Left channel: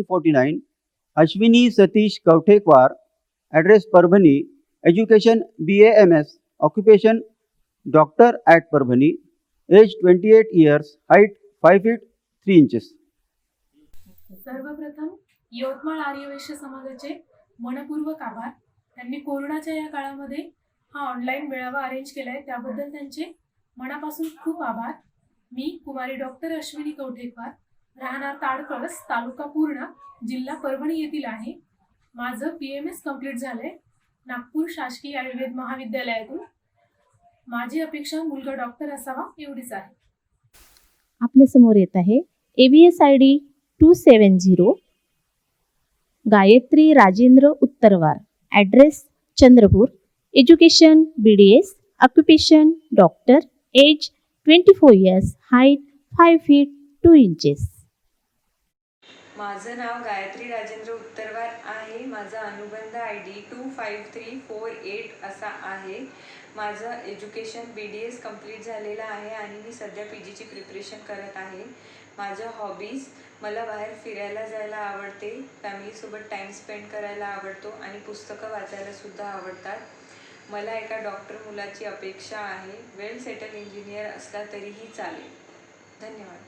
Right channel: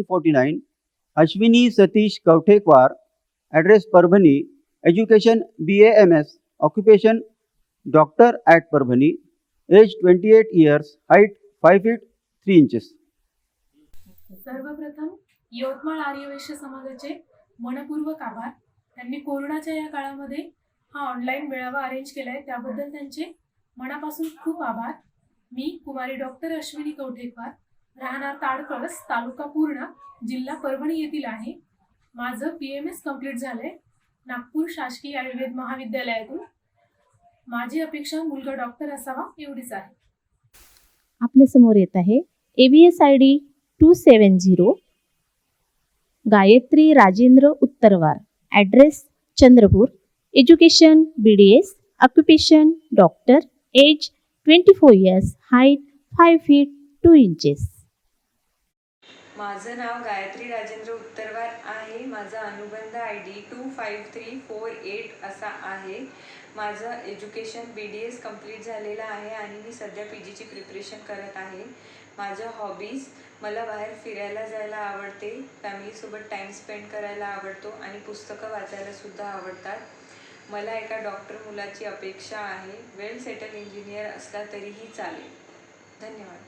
149, Ashwini Satish Kamtekar, address Parvani, education BAMS, occupation doctor at Parvani, age 28 years, height 5 feet 3 inches. सर्वप्रथम यवतमाळ आर्यवैश्य समाजाचे मनपूर्वक आभार. त्यांनी कोरोनाच्या या काळामध्ये हा ऑनलाईन मेळावा अरेंज केलाय, त्याबद्दल त्यांचे मनापासून खूप आभार. मी कुमारी डॉक्टर अश्विनी कवठेकर, राहणार ताडकळस, तालुका पूर्णा, जिल्हा परभणी येथील आहे. माझं PMS कंप्लीट झालंय नागपूर शासकीय आयुर्वेद महाविद्यालयातून. माझी अपेक्षा मुलगा डॉक्टर असावा एवढीच आहे. आपल्या समोर येत आहे AVS ID 270, Gayatri Rajendra Uttarwar, address Chandrapur, education BDS, occupation doctor, age 24 years, height 5 feet 2 inches. माझं नाव गायत्री राजेंद्र उत्तरवार आहे. माझा अनुबंध ID 25348 असा आहे. माझं एज्युकेशन BDS कंप्लीट झालेलं आहे आणि मी सध्या PGची प्रिपरेशन करत आहे. माझं हॉबीज, मला बाहेर फिरायला जायला आवडते, फॅमिलीसोबत टाईम स्पेंड करायला आवडतो आणि पुस्तकं वाचायला सुद्धा आवडतात. मला एका डॉक्टर मुलाची अपेक्षा आहे. वेल सेटल इंजिनियर असला तरीही चालेल. धन्यवाद.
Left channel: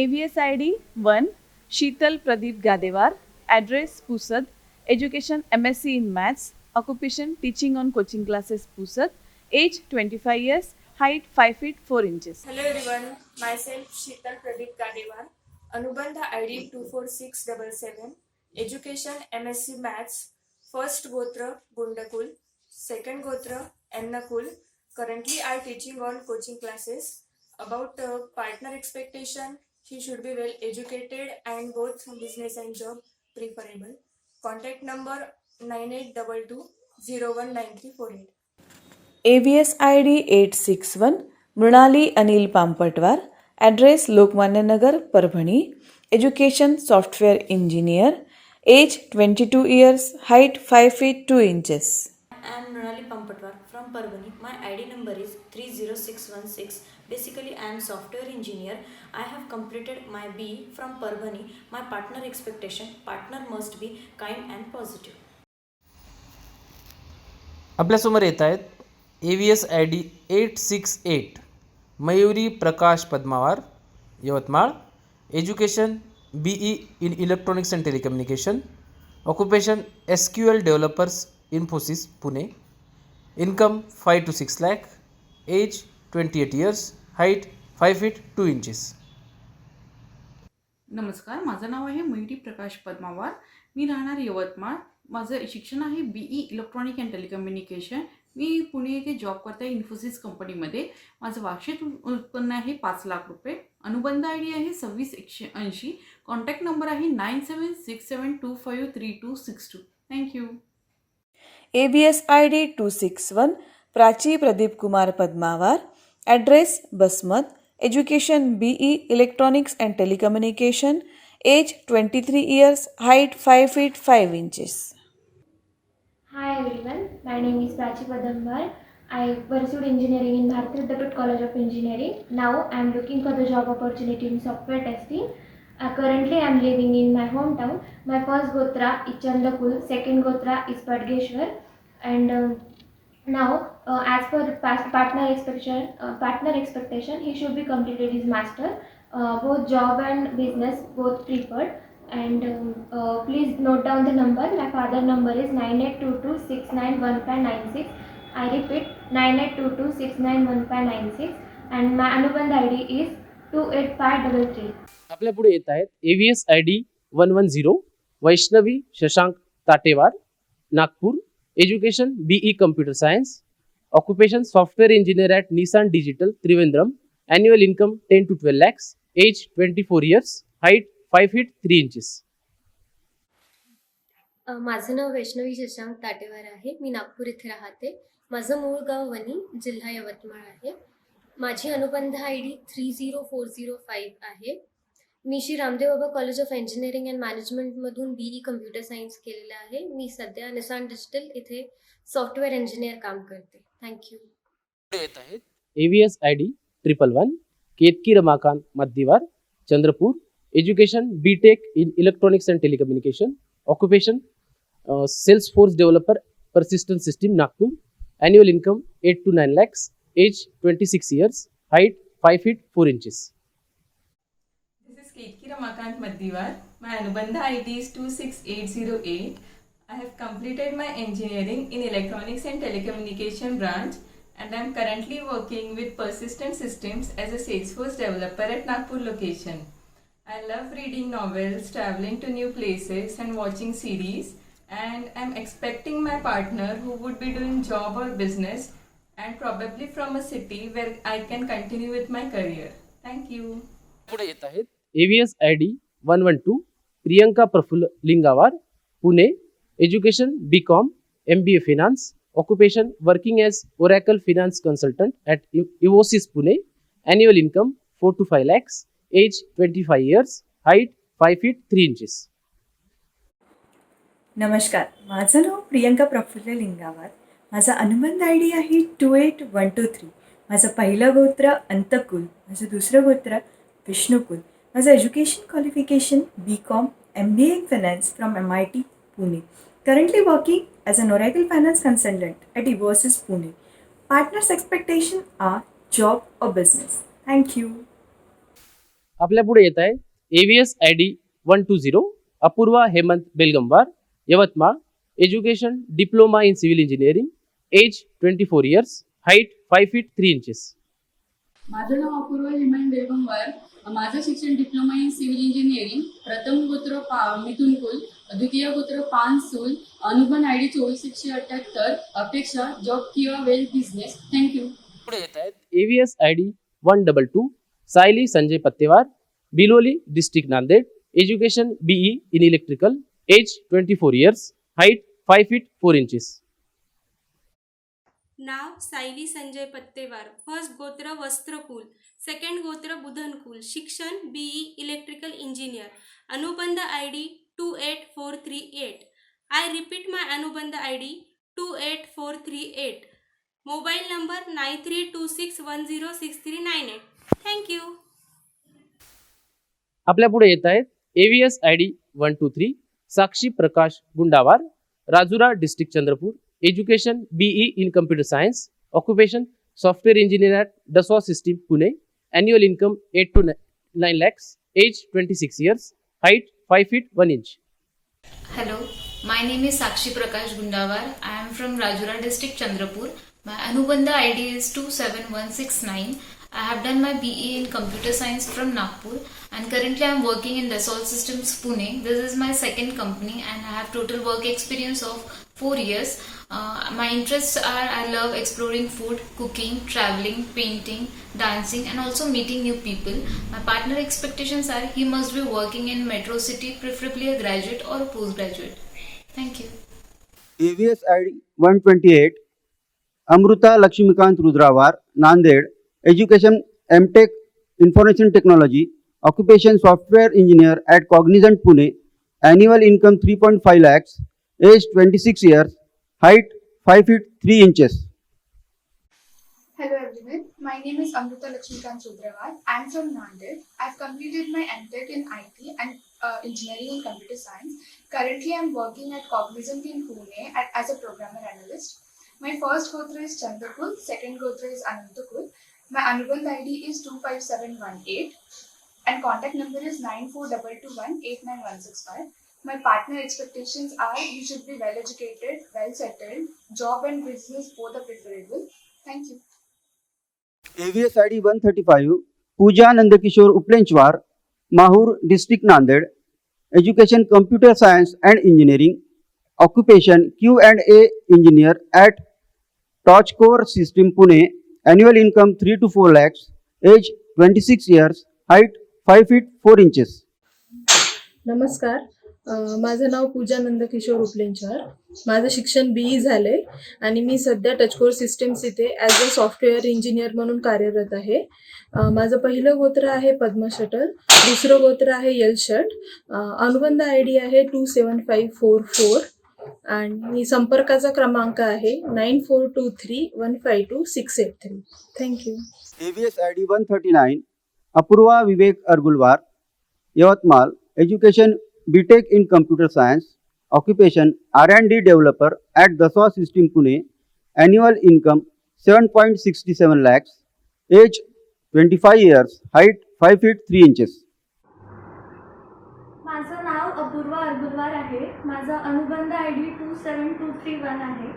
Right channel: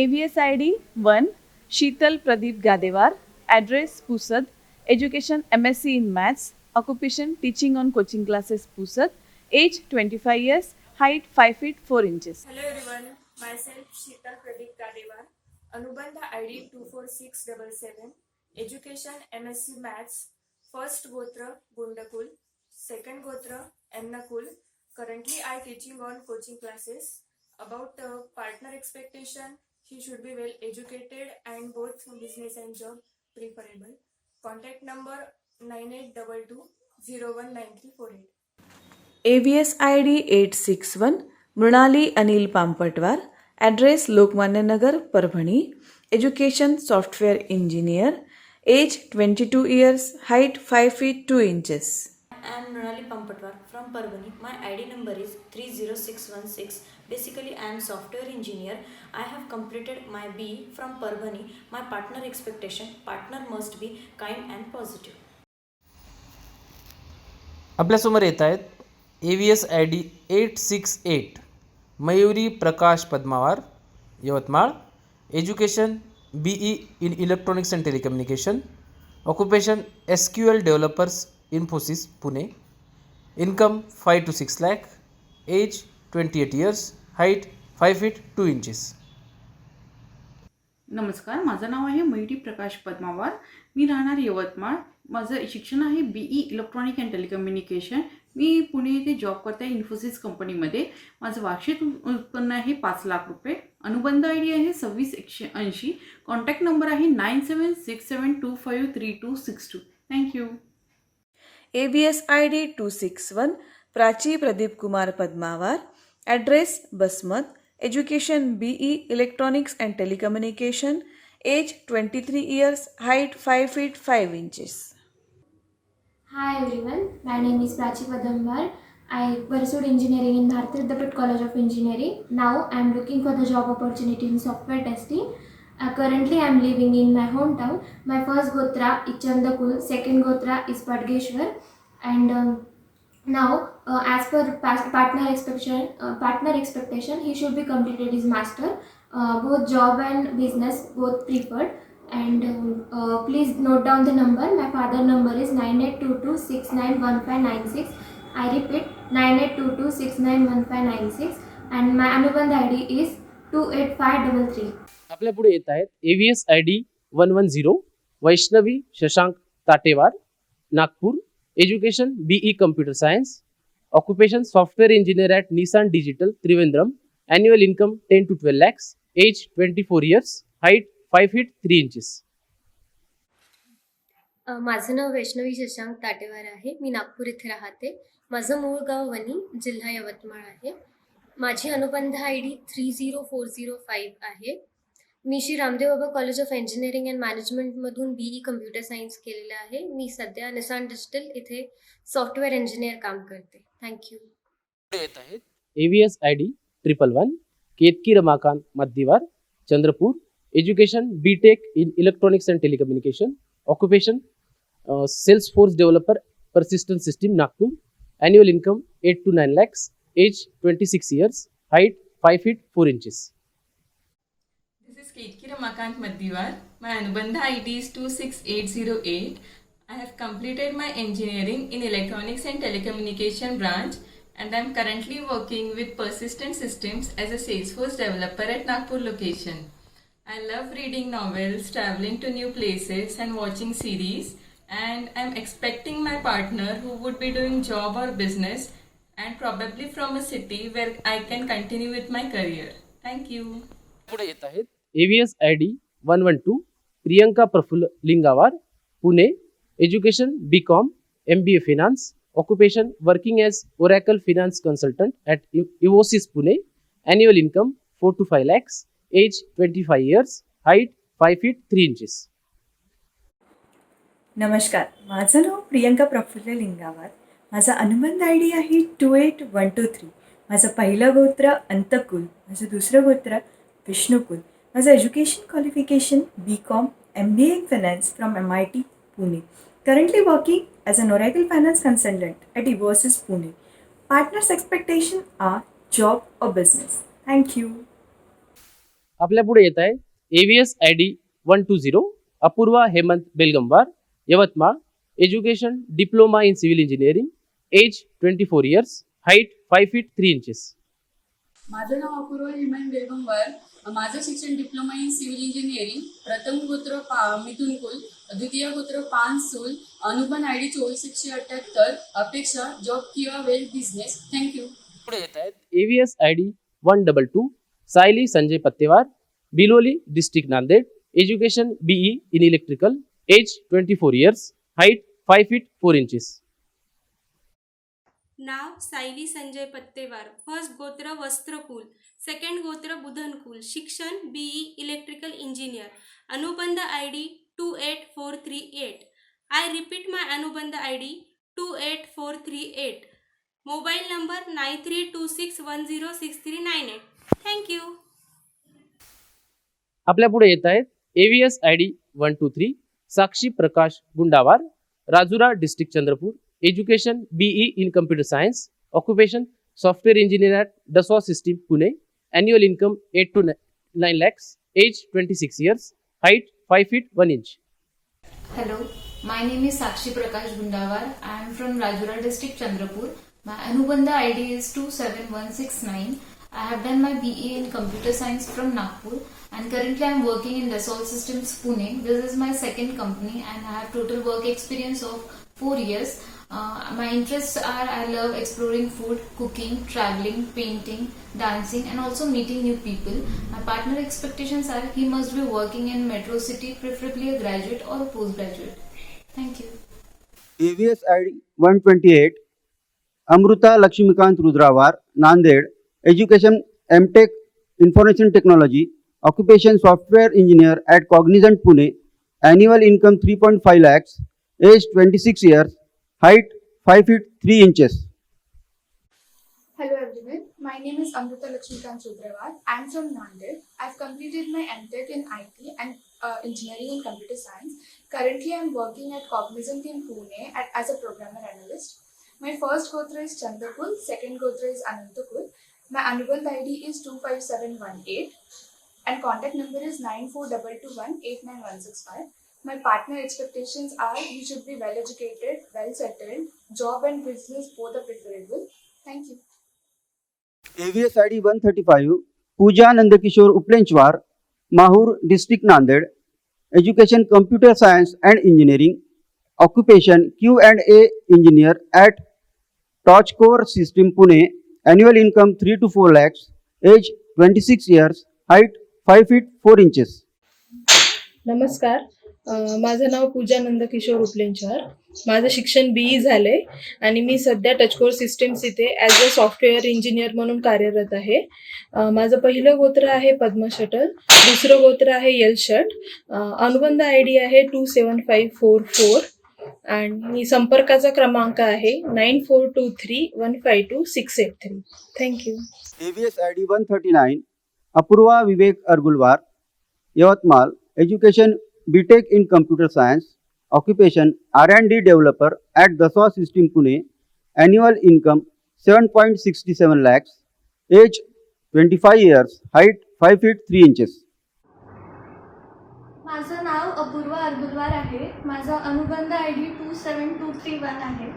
AVS ID 1, Sheetal Pradeep Gadewar, address Pusat, education MSc in Maths, occupation teaching on coaching classes Pusat, age 25 years, height 5 feet 4 inches. Hello everyone, myself Sheetal Pradeep Gadewar, Anubandha ID 24677, education MSc Maths, first Gotra Gundakul, second Gotra Ennakul. Currently I teaching on coaching classes. About partner expectation, he should be well educated and both business and job preferable. Contact number 9822019348. AVS ID 861, Mrunali Anil Pampatwar, address Lokmanya Nagar Parbhani, education software engineer, age 22 years, height 5 feet 2 inches. I am Mrinali Pampatwar from Parvani. My ID number is 30616. Basically, I am software engineer. I have completed my BE from Parvani. My partner expectation, partner must be kind and positive. आपल्यासमोर येत आहेत AVS ID 868, Mayuri Prakash Padmawar, Yavatmal, education BE in electronics and telecommunication, occupation SQL developers Infosys Pune, income 5 to 6 lakh, age 28 years, height 5 feet 2 inches. नमस्कार, माझं नाव आहे मयुरी प्रकाश पद्मावार. मी राहणार यवतमाळ. माझं शिक्षण आहे BE इलेक्ट्रॉनिक अँड टेलिकम्युनिकेशन. मी पुणे येथे जॉब करते आहे इन्फोसिस कंपनीमध्ये. माझं वार्षिक उत्पन्न आहे 5 लाख रुपये. अनुबंध ID आहे 26180. कॉन्टॅक्ट नंबर आहे 9767253262. Thank you. AVS ID 261, Prachi Pradeep Kumar Padmawar, address Basmat, education BE electronics and telecommunication, age 23 years, height 5 feet 5 inches. Hi everyone, my name is Prachi Padambar. I pursued engineering in Bharati Vidyapeeth College of Engineering. Now I am looking for the job opportunity in software testing. Currently I am living in my hometown. My first Gotra is Chandakul, second Gotra is Padgeshwar, and now as per partner expectation, he should be completed his master. Both job and business both preferred. And please note down the number. My father number is 9822691596. I repeat 9822691596, and my Anubandh ID is 28533. आपल्या पुढे येत आहे AVS ID 110, Vaishnavi Shashank Katewar, Nagpur, education BE computer science, occupation software engineer at Nissan Digital Trivandrum, annual income 10 to 12 lakhs, age 24 years, height 5 feet 3 inches. माझं नाव वैष्णवी शशांक ताटेवार आहे. मी नागपूर इथे राहते. माझं मूळ गाव वणी, जिल्हा यवतमाळ आहे. माझी अनुबंध ID 30405 आहे. मी Shri Ramdeo Baba College of Engineering and मॅनेजमेंटमधून BE कम्प्युटर सायन्स केलेलं आहे. मी सध्या निसान डिजिटल इथे सॉफ्टवेअर इंजिनियर काम करते. Thank you. AVS ID 111, Ketaki Ramakant Mardiwar, Chandrapur, education BTech in electronics and telecommunication, occupation Salesforce developer, persistent system, Nagpur, annual income 8 to 9 lakhs, age 26 years, height 5 feet 4 inches. This is Ketki Ramakant Maddiwar. My Anubandha ID is 26808. I have completed my engineering in electronics and telecommunication branch, and I am currently working with Persistent Systems as a Salesforce developer at Nagpur location. I love reading novels, traveling to new places and watching series, and I am expecting my partner who would be doing job or business and probably from a city where I can continue with my career. Thank you. AVS ID 112 Priyanka Praful Lingawar, Pune, education BCom, MBA Finance, occupation working as Oracle Finance Consultant at Infosys Pune, annual income 4 to 5 lakhs, age 25 years, height 5 feet 3 inches. नमस्कार, माझं नाव प्रियंका प्रफुल्ल लिंगावार. माझा अनुबंध I D आहे 28123. माझं पहिलं गोत्र अंतकुल, माझं दुसरं गोत्र विष्णुकुल. माझं education qualification BCom, MBA in Finance from MIT, Pune. Currently working as an Oracle Finance Consultant at Infosys, Pune. Partners' expectation are job or business. Thank you. आपल्या पुढे येत आहे AVS ID 120 Apurva Hemant Begamwar, Yavatmal, education diploma in civil engineering, age 24 years, height 5 feet 3 inches. माझं नाव अपूर्वा हेमंत बेगमवार. माझं शिक्षण diploma in civil engineering, प्रथम गोत्र मिथुन कुल, द्वितीय गोत्र पानसूल, अनुबंध ID 2478. अपेक्षा जॉब किंवा well business. Thank you. AVS ID 122 Sayali Sanjay Pattewar, Biloli district Nanded, education BE in electrical, age 24 years, height 5 feet 4 inches. Now Sayali Sanjay पत्तेवार, first गोत्र वस्त्रकुल, सेकंड गोत्र बुधनकुल, शिक्षण BE इलेक्ट्रिकल इंजिनियर, अनुबंध ID 28438. I repeat my अनुबंध ID 28438. Mobile number 9326106398. Thank you. आपल्या पुढे येत आहे AVS ID 123 Sakshi Prakash Gundawar, Rajura district Chandrapur, education BE in computer science, occupation software engineer, Dassault System, Pune, annual income 8 to 9 lakhs, age 26 years, height 5 feet 1 inch. Hello, my name is Sakshi Prakash Gundawar. I am from Rajura district, Chandrapur. My Anubandha ID is 27169. I have done my BE in computer science from Nagpur, and currently I am working in Dassault Systems, Pune. This is my second company and I have total work experience of 4 years. My interests are I love exploring food, cooking, traveling, painting, dancing and also meeting new people. My partner expectations are he must be working in metro city, preferably a graduate or a postgraduate. Thank you. 128 Amruta Lakshmikant Rudravar, Nanded, education MTech Information Technology, occupation software engineer at Cognizant, Pune, annual income 3.5 lakhs, age 26 years, height 5 feet 3 inches. Hello everyone, my name is Amruta Lakshmikant Rudravar. I am from Nanded. I have completed my MTech in IT and engineering in computer science. Currently I am working at Cognizant in Pune as a programmer analyst. My first gotra is Chandrakul, second gotra is Anantakul. My Anubandh ID is 25718 and contact number is 9422189165. My partner expectations are you should be well educated, well settled, job and business both are preferable. Thank you. Pooja Nandakishore Uplenchwar, Mahur District, Nanded, education computer science and engineering, occupation Q&A engineer at Touchcore System, Pune, annual income 3 to 4 lakhs, age 26 years, height 5 feet 4 inches. नमस्कार, माझं नाव पूजा नंदकिशोर उपलेंचवार. माझं शिक्षण BE झाले आणि मी सध्या टचकोर systems इथे as a software engineer म्हणून कार्यरत आहे. माझं पहिलं गोत्र आहे पद्म शटल, दुसरं गोत्र आहे यल शट. अनुबंध ID आहे 27544 आणि संपर्काचा क्रमांक आहे 9423152683. Thank you. Apurva Vivek अडगुलवार, Yavatmal, education BTech in computer science, occupation R&D developer at Dassault System Pune, annual income 7.67 lakhs, age 25 years, height 5 feet 3 inches. माझं नाव अपूर्वा अर्बुदवार आहे. माझा अनुबंध ID 27231 आहे.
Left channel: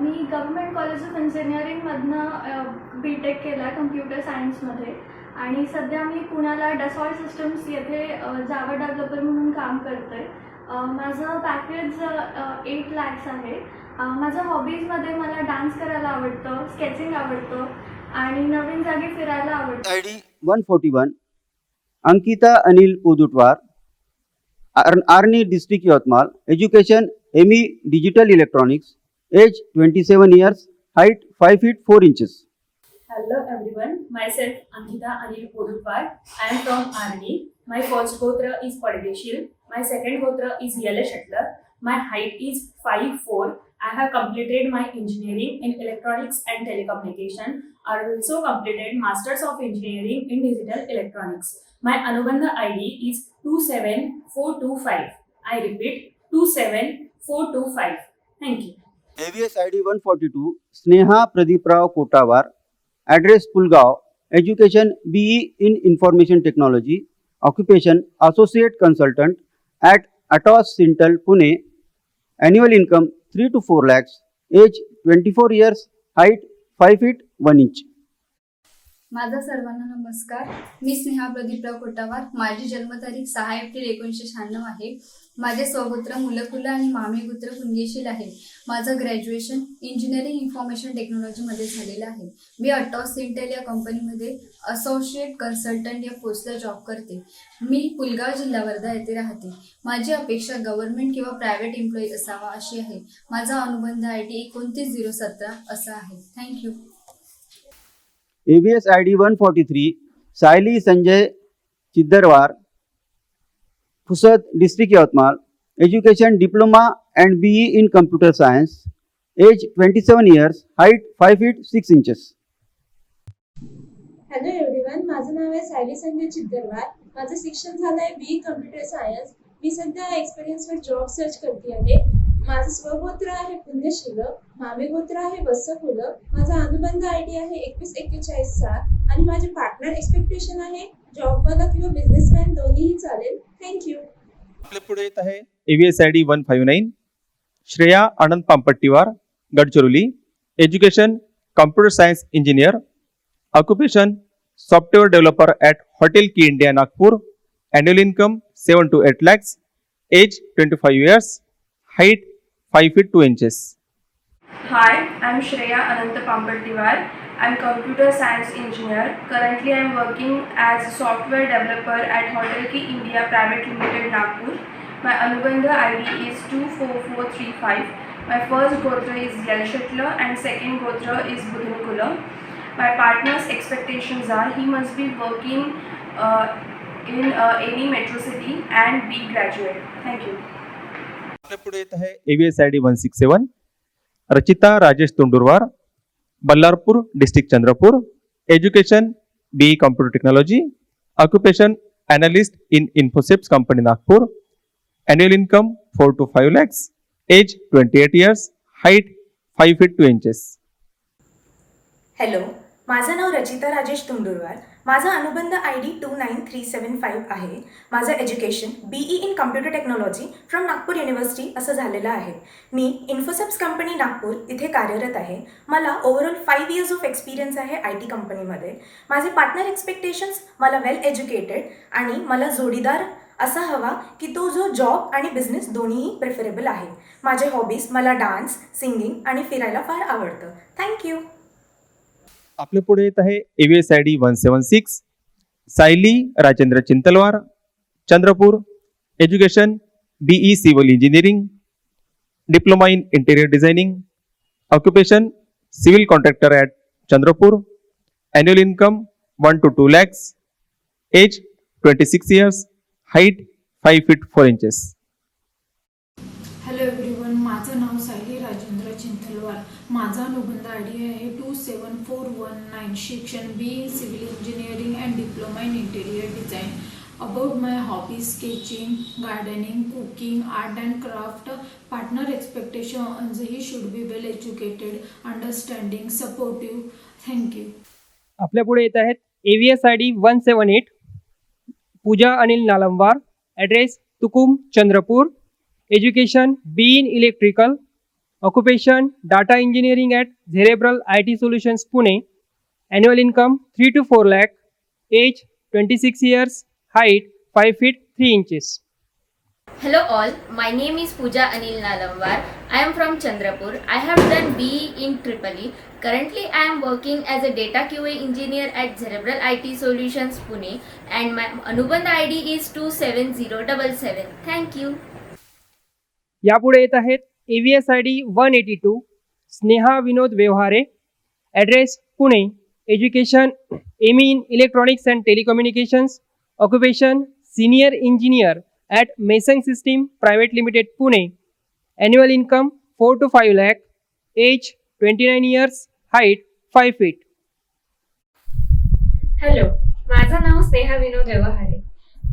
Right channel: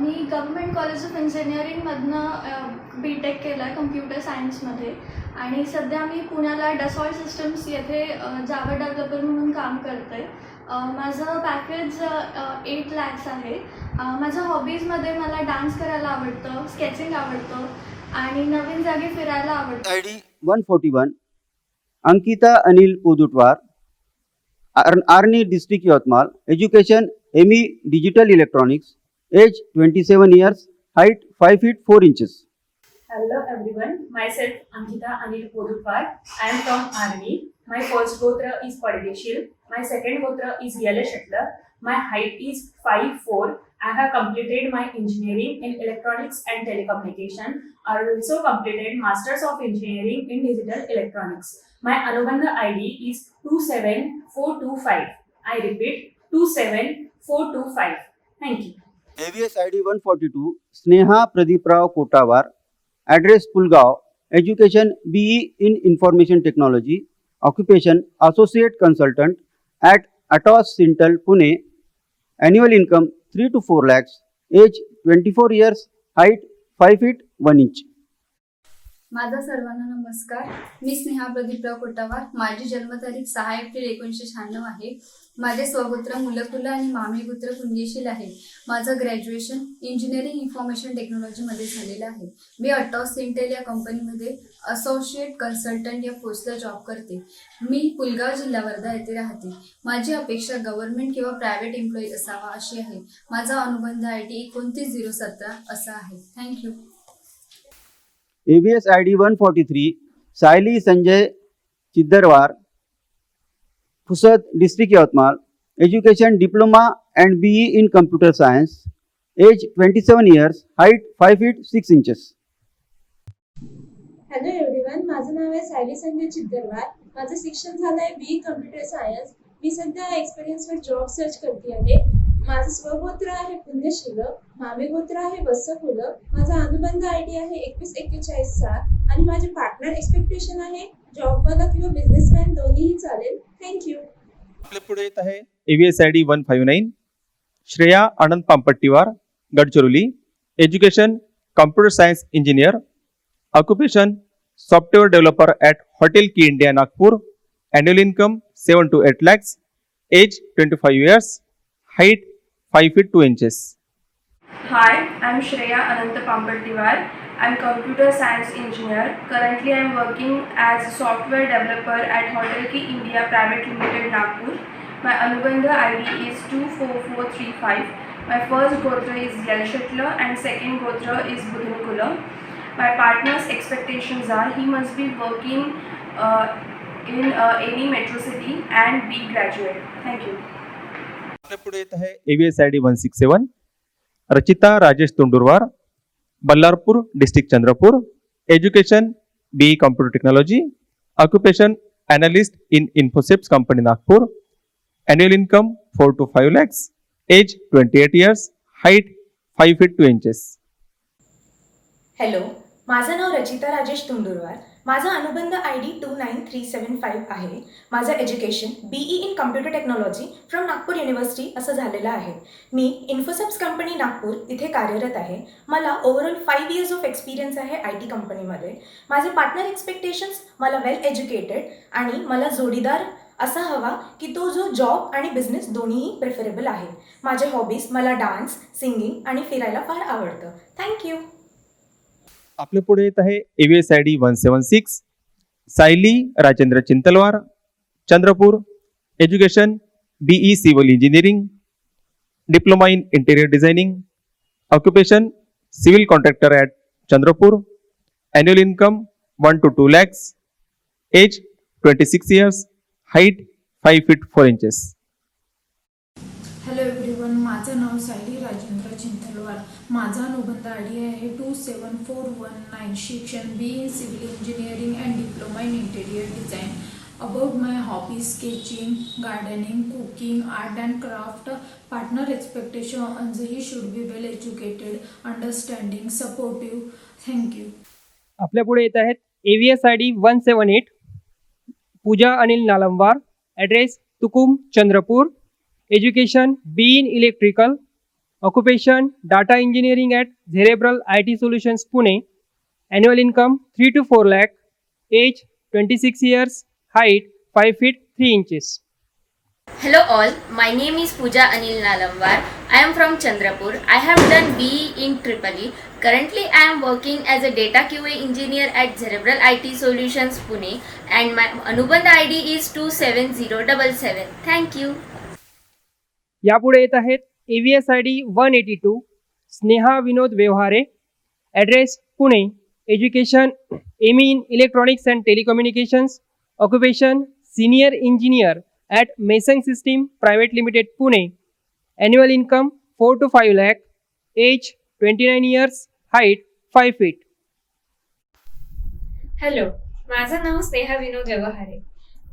मी गव्हर्नमेंट कॉलेज ऑफ इंजिनिअरिंगमधनं BTech केला आहे कम्प्युटर सायन्समध्ये आणि सध्या मी पुण्याला डसॉल्ट सिस्टम्स येथे जावा डेव्हलपर म्हणून काम करते. माझं पॅकेज 8 lakhs आहे. माझ्या हॉबीजमध्ये मला डान्स करायला आवडतं, स्केचिंग आवडतं आणि नवीन जागी फिरायला आवडतं. 141, Ankita Anil Kujutwar, Arni District Yavatmal, education ME Digital Electronics, age 27 years, height 5 feet 4 inches. Hello everyone, myself Ankita Anil Kujutwar. I am from Arni. My first gotra is Padgeshil. My second gotra is Yellow Shuttler. My height is 5'4". I have completed my engineering in electronics and telecommunication. I also completed Masters of Engineering in Digital Electronics. My Anubandha ID is 27425. I repeat 27425. Thank you. ID 142, Sneha Pradeeprao Kotawar, address Purgaon, education BE in Information Technology, occupation Associate Consultant at Atos Central Pune, annual income 3 to 4 lakhs, age 24 years, height 5 feet 1 inch. माझा सर्वांना नमस्कार. मी स्नेहा प्रदीपराव कोटावार. माझी जन्मतारीख 6 April 1996 आहे. माझे स्वगोत्र मुलकुल आणि मामेगोत्र पुंगेशील आहे. माझं ग्रॅज्युएशन इंजिनिअरिंग इन्फॉर्मेशन टेक्नॉलॉजीमध्ये झालेलं आहे. मी अटॉस सिंटेल या कंपनीमध्ये असोसिएट कन्सल्टंट या पोस्टला जॉब करते. मी पुलगाव जिल्हा वर्धा येथे राहते. माझी अपेक्षा गव्हर्नमेंट किंवा प्रायव्हेट एम्प्लॉई असावा अशी आहे. माझा अनुबंध ID 29017 असा आहे. Thank you. ABS ID 143, Saili Sanjay Chiddarwar, Kusat District Yavatmal, education diploma and BE in computer science, age 27 years, height 5 feet 6 inches. Hello everyone, माझं नाव आहे सायली संजय चिद्दरवार. माझं शिक्षण झालं आहे BE कम्प्युटर सायन्स. मी सध्या एक्सपिरियन्सवर जॉब सर्च करते आहे. माझं स्वगोत्र आहे पुण्यशील, मामेगोत्र आहे वत्सकुल. माझा अनुबंध ID आहे 21417 आणि माझे पार्टनर एक्सपेक्टेशन आहे जॉबवाला किंवा बिझनेसमॅन दोन्हीही चालेल. Thank you. ABS ID 149, Shreya Anand Tampatiwar, Banchurni, education computer science engineer, occupation software developer at Hotel India Nagpur, annual income 7 to 8 lakhs, age 25 years, height 5 feet 2 inches. Hi, I'm Shreya Anant Pampatiwar. I'm computer science engineer. Currently, I'm working as a software developer at Hotel Key India Private Limited, Nagpur. My Anubandha ID is 24435. My first gotra is Yellow Shuttler and second gotra is Budhankula. My partner's expectations are he must be working in any metro city and be graduate. Thank you. ABS ID 167, Rachita Rajesh Kundarwar, Ballarpur District, Chandrapur, education BE computer technology, occupation analyst in Infosys Company, Nagpur, annual income 4 to 5 lakhs, age 28 years, height 5 feet 2 inches. Hello, माझं नाव रचिता राजेश तुंडुरवार. माझा अनुबंध ID 29375 आहे. माझं education BE in computer technology from Nagpur university असं झालेलं आहे. मी Infosys company Nagpur इथे कार्यरत आहे. मला ओव्हरऑल 5 years ऑफ एक्सपिरियन्स आहे IT कंपनीमध्ये. माझे पार्टनर एक्सपेक्टेशन्स मला वेल एज्युकेटेड आणि मला जोडीदार असा हवा की तो जो जॉब आणि बिझनेस दोन्हीही प्रेफरेबल आहे. माझे हॉबीज मला डान्स, सिंगिंग आणि फिरायला फार आवडतं. Thank you. ABS ID 176, Saili Rajendra Chintalwar, Chandrapur, education BE civil engineering, diploma in interior designing, occupation civil contractor at Chandrapur, annual income 1 to 2 lakhs, age 26 years, height 5 feet 4 inches. Hello everyone, माझं नाव सायली राजेंद्र चिंतलवार. माझा अनुबंध ID आहे 27419. शिक्षण BE civil engineering and diploma in interior design, About my hobbies, sketching, gardening, cooking, art and craft, partner expectations, he should be well educated, understanding, supportive. Thank you. आपल्या पुढे येत आहेत AVS ID 178 Pooja Anil Nalambar, address Hukum Chandrapur, education B in electrical, occupation data engineering at Cerebral IT Solutions Pune, annual income 3 to 4 lakh, age 26 years, height 5 feet 3 inches. Hello all, my name is Pooja Anil Nalamwar. I am from Chandrapur. I have done BE in EEE. Currently I am working as a data QA engineer at Cerebral IT Solutions Pune and my Anubandha ID is 27077. Thank you. यापुढे येत आहे AVS ID 182 Sneha Vinod Vyavahare, address Pune, education ME electronics and telecommunications, occupation senior engineer at Mason System Private Limited Pune, annual income 4 to 5 lakh, age 29 years, height 5 feet. Hello, माझं नाव स्नेहा विनोद व्यवहारे.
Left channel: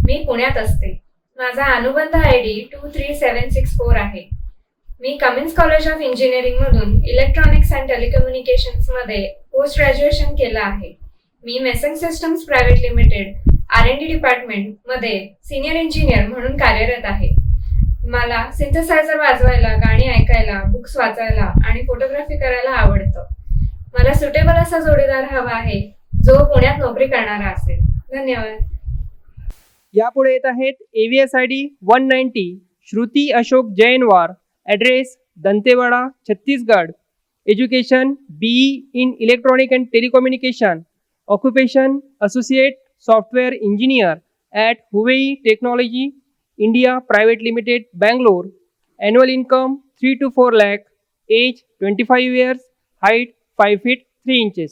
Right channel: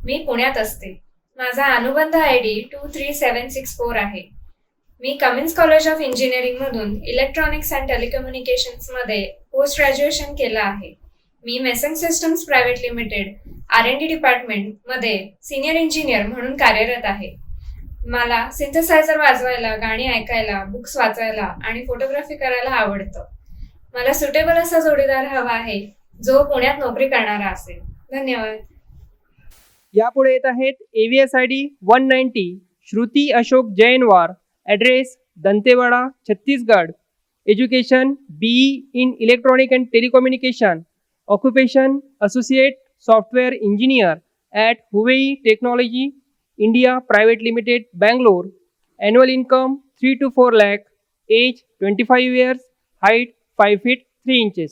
मी पुण्यात असते. माझा अनुबंध ID 23764 आहे. मी कमिन्स कॉलेज ऑफ इंजिनिअरिंगमधून electronics and टेलिकम्युनिकेशन्समध्ये post graduation केलं आहे. मी Mason Systems Private Limited R&D डिपार्टमेंटमध्ये सिनियर इंजिनियर म्हणून कार्यरत आहे. मला सिंथेसायझर वाजवायला, गाणी ऐकायला, बुक्स वाचायला आणि फोटोग्राफी करायला आवडतं. मला सुटेबल असा जोडीदार हवा आहे जो पुण्यात नोकरी करणारा असेल. धन्यवाद. यापुढे येत आहे AVS ID 190 Shruti Ashok Jainwar, address Dantewada Chhattisgarh, education BE in Electronic and Telecommunication, occupation associate software engineer at Huawei Technology India Private Limited, Bangalore, annual income 3 to 4 lakh, age 25 years, height 5 feet 3 inches.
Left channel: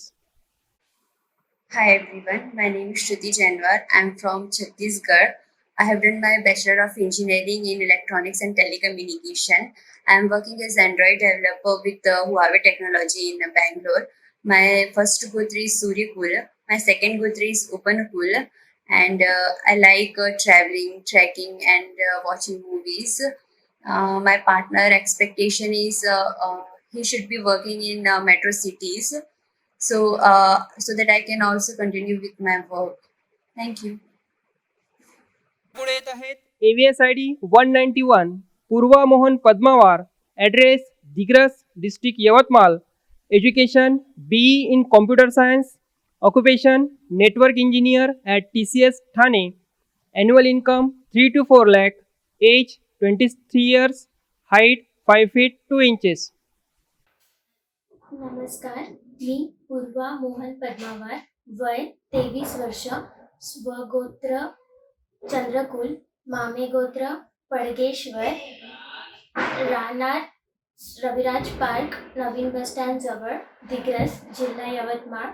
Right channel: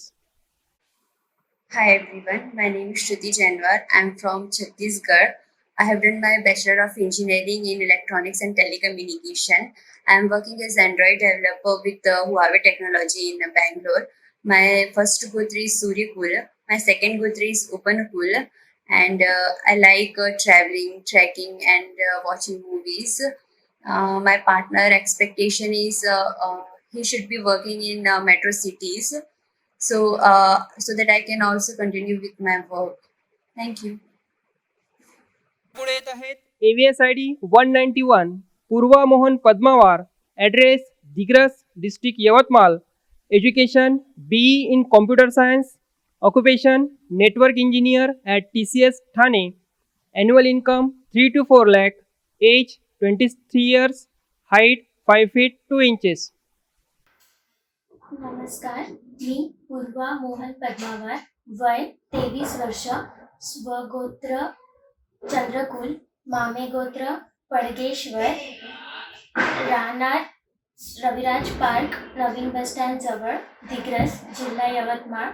Hi everyone, my name is Shruti Jainwar. I'm from Chhattisgarh. I have done my Bachelor of Engineering in Electronics and Telecommunication. I am working as Android developer with Huawei Technology in Bangalore. My first Gotra is Suryakul. My second Gotra is Upanakul. And I like traveling, trekking and watching movies. My partner expectation is he should be working in metro cities. So that I can also continue with my work. Thank you. AVS ID 191 Purva Mohan Padmawar, address Digras, district Yavatmal, education BE in Computer Science, occupation network engineer at TCS Thane, annual income 3 to 4 lakh, age 26 years, height 5 feet 2 inches. नमस्कार, मी पूर्वा मोहन पद्मावार, वय 23 वर्ष, स्वगोत्र चंद्रकुल, मामे गोत्र पडगेश्वर, राहणार Raviraj park, नवीन bus stand जवळ, दिग्रस, जिल्हा यवतमाळ,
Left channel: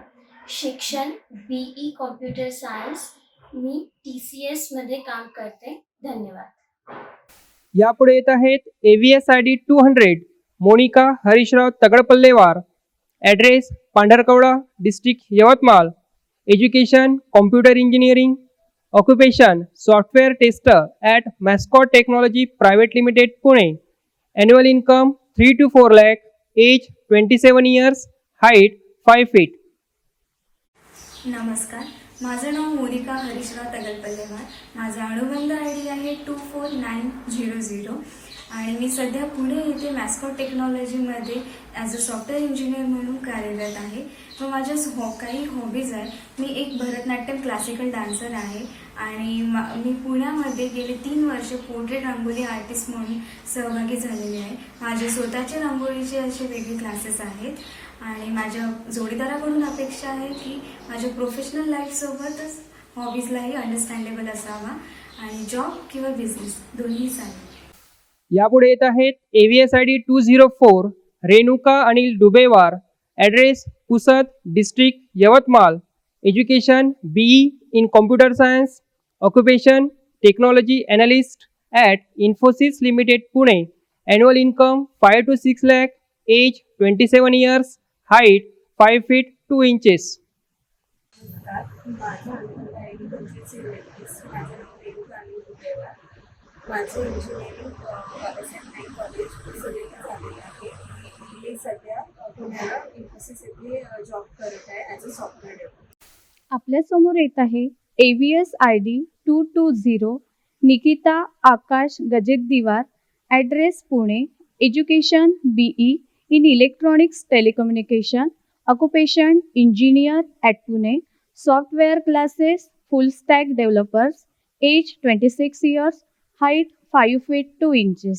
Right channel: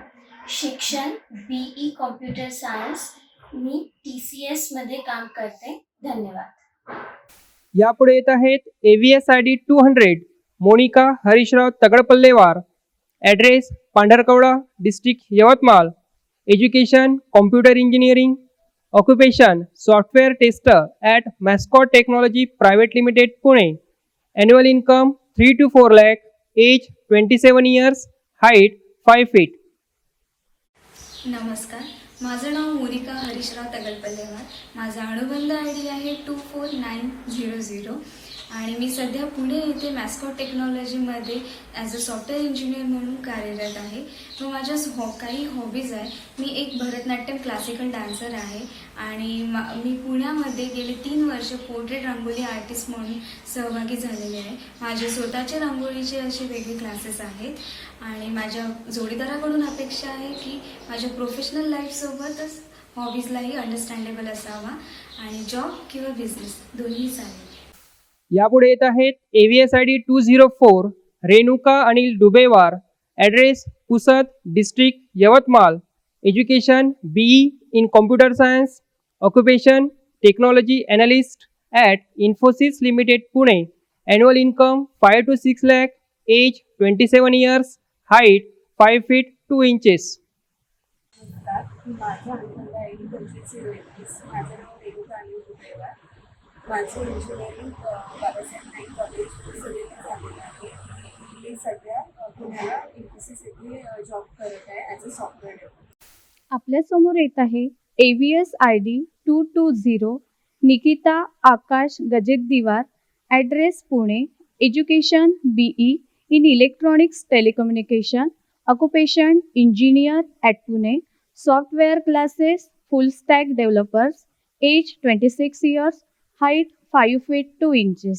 शिक्षण BE computer science. Me TCS मध्ये काम करते. धन्यवाद. यापुढे येत आहे AVS ID 200 Monika Harishrao Tagadpallewar, address Pandharkawada, district Yavatmal, education computer engineering, occupation software tester at Mascot Technology Private Limited Pune, annual income 3 to 4 lakh, age 27 years, height 5 feet. नमस्कार, माझं नाव मोनिका हरीशराव तगलपल्लेवार. माझा अनुबंध ID आहे 24900 आणि मी सध्या पुणे येथे मॅस्कॉट टेक्नॉलॉजीमध्ये ॲज अ सॉफ्टवेअर इंजिनियर म्हणून कार्यरत आहे. व माझ्या काही हॉबीज आहे. मी एक भरतनाट्यम क्लासिकल डान्सर आहे आणि मी पुण्यामध्ये गेले 3 वर्ष पोर्ट्रेट रांगोळी आर्टिस्ट म्हणून सहभागी झालेले आहे. माझे स्वतःचे रांगोळीचे असे वेगळे क्लासेस आहेत आणि माझ्या जोडीदाराकडून अपेक्षा आहे की माझ्या प्रोफेशनल लाईफसोबतच हॉबीजलाही अंडरस्टँडेबल असावा आणि जॉब किंवा बिझनेस दोन्ही चालेल. यापुढे येत आहे AVS ID 204 Renuka Anil Dubewar, address Pusad, district Yavatmal, education BE in Computer Science, occupation technology analyst at Infosys Limited Pune, annual income 5 to 6 lakh, age 27 years, height 5 feet 2 inches. नमस्कार, माझा अनुबंध आय डी 2501. माझं नाव रेणुका अनिल गुडेवार. माझं इंजिनिअरिंग बाबासाहेब कॉलेज पुसदीला झालेलं आहे. मी सध्या पुण्याला इन्फोसिस येथे जॉब करत आहे ॲज अ सॉफ्टवेअर डेव्हलपर. आपल्यासमोर येत आहे ABS ID 220 Nikita Akash Rajat Diwar, address Pune, education BE in Electronics Telecommunication, Occupation Engineer at Pune, Software Classes, Full Stack Developer, age 26 years, height 5 feet 2 inches.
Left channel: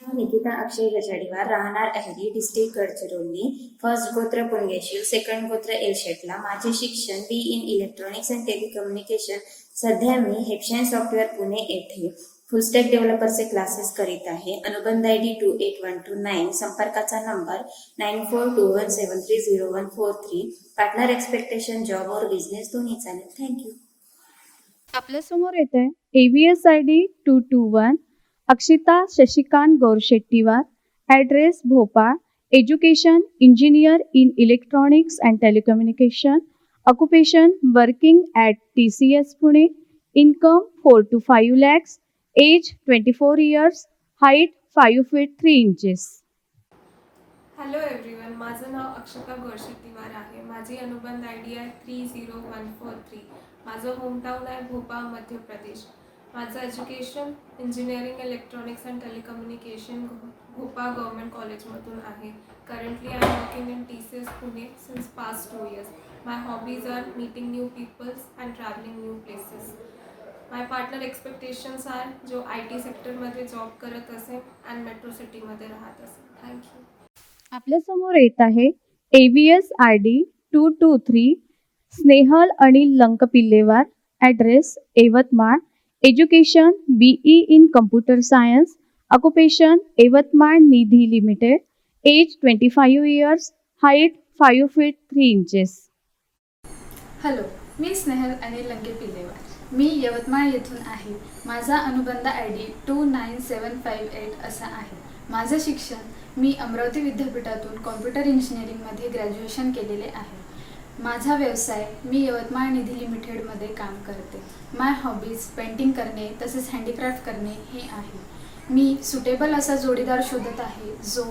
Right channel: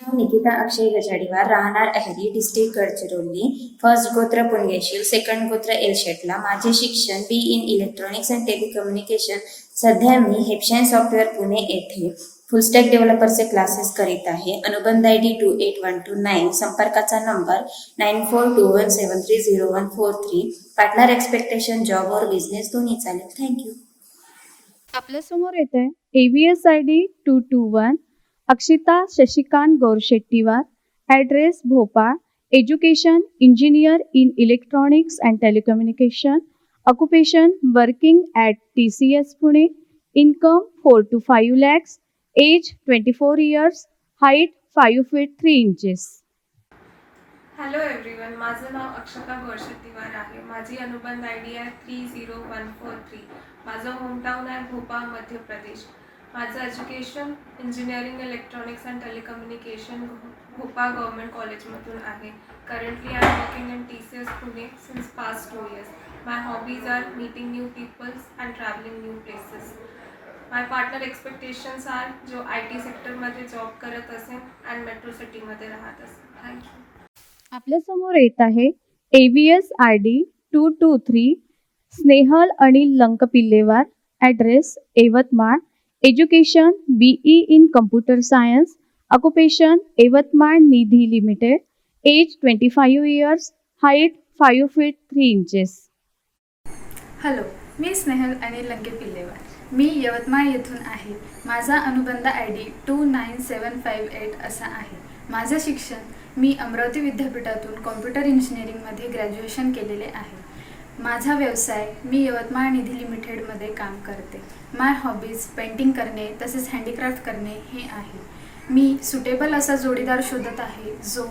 Nikita अक्षय गजाडीवार, राहणार अहेरी, डिस्ट्रिक्ट गडचिरोली, फर्स्ट गोत्र पुणगेशील, सेकंड गोत्र एलशेटला. माझे शिक्षण BE in electronics and telecommunication. सध्या मी हेपशाईन software Pune येथे full stack डेव्हलपरचे classes करीत आहे. अनुबंध ID 28129. संपर्काचा नंबर 9421730143. पार्टनर एक्सपेक्टेशन जॉब और बिझनेस दोन्ही चालेल. थँक्यू. आपल्यासमोर येते ABS ID 221 Akshita Shashikant Gaushettiwar, address Bhopal, education engineer in electronics and telecommunication, occupation working at TCS Pune, income 4 to 5 lakhs, age 24 years, height 5 feet 3 inches. Hello everyone, माझं नाव अक्षता गौशेट्टीवार आहे. माझी अनुबंध ID आहे 30143. माझं होमटाऊन आहे भोपाळ, मध्य प्रदेश. माझं education engineering electronics and telecommunication Bhopal government कॉलेजमधून आहे. Currently I am working in TCS Pune since past 2 years. My hobbies are meeting new peoples and travelling new places. My partner expectations are जो IT सेक्टरमध्ये job करत असेल and metro सिटीमध्ये राहत असेल. Thank you. आपल्यासमोर येत आहे ABS ID 223 Snehal Anil Lankapillewar, address Yavatmal, education BE in computer science, occupation Yavatmal Nidhi Limited, age 25 years, height 5 feet 3 inches. Hello, मी स्नेहल अनिल लंके पिल्लेवार. मी यवतमाळ येथून आहे. माझा अनुबंध ID 29758 असा आहे. माझं शिक्षण मी अमरावती विद्यापीठातून कॉम्प्युटर इंजिनिअरिंगमध्ये ग्रॅज्युएशन केलेले आहे. माझा व्यवसाय मी यवतमाळ निधी लिमिटेडमध्ये काम करते. माय हॉबीज पेंटिंग करणे तसेच हँडीक्राफ्ट करणे हे आहे. मी सुटेबल असा जोडीदार शोधत आहे जो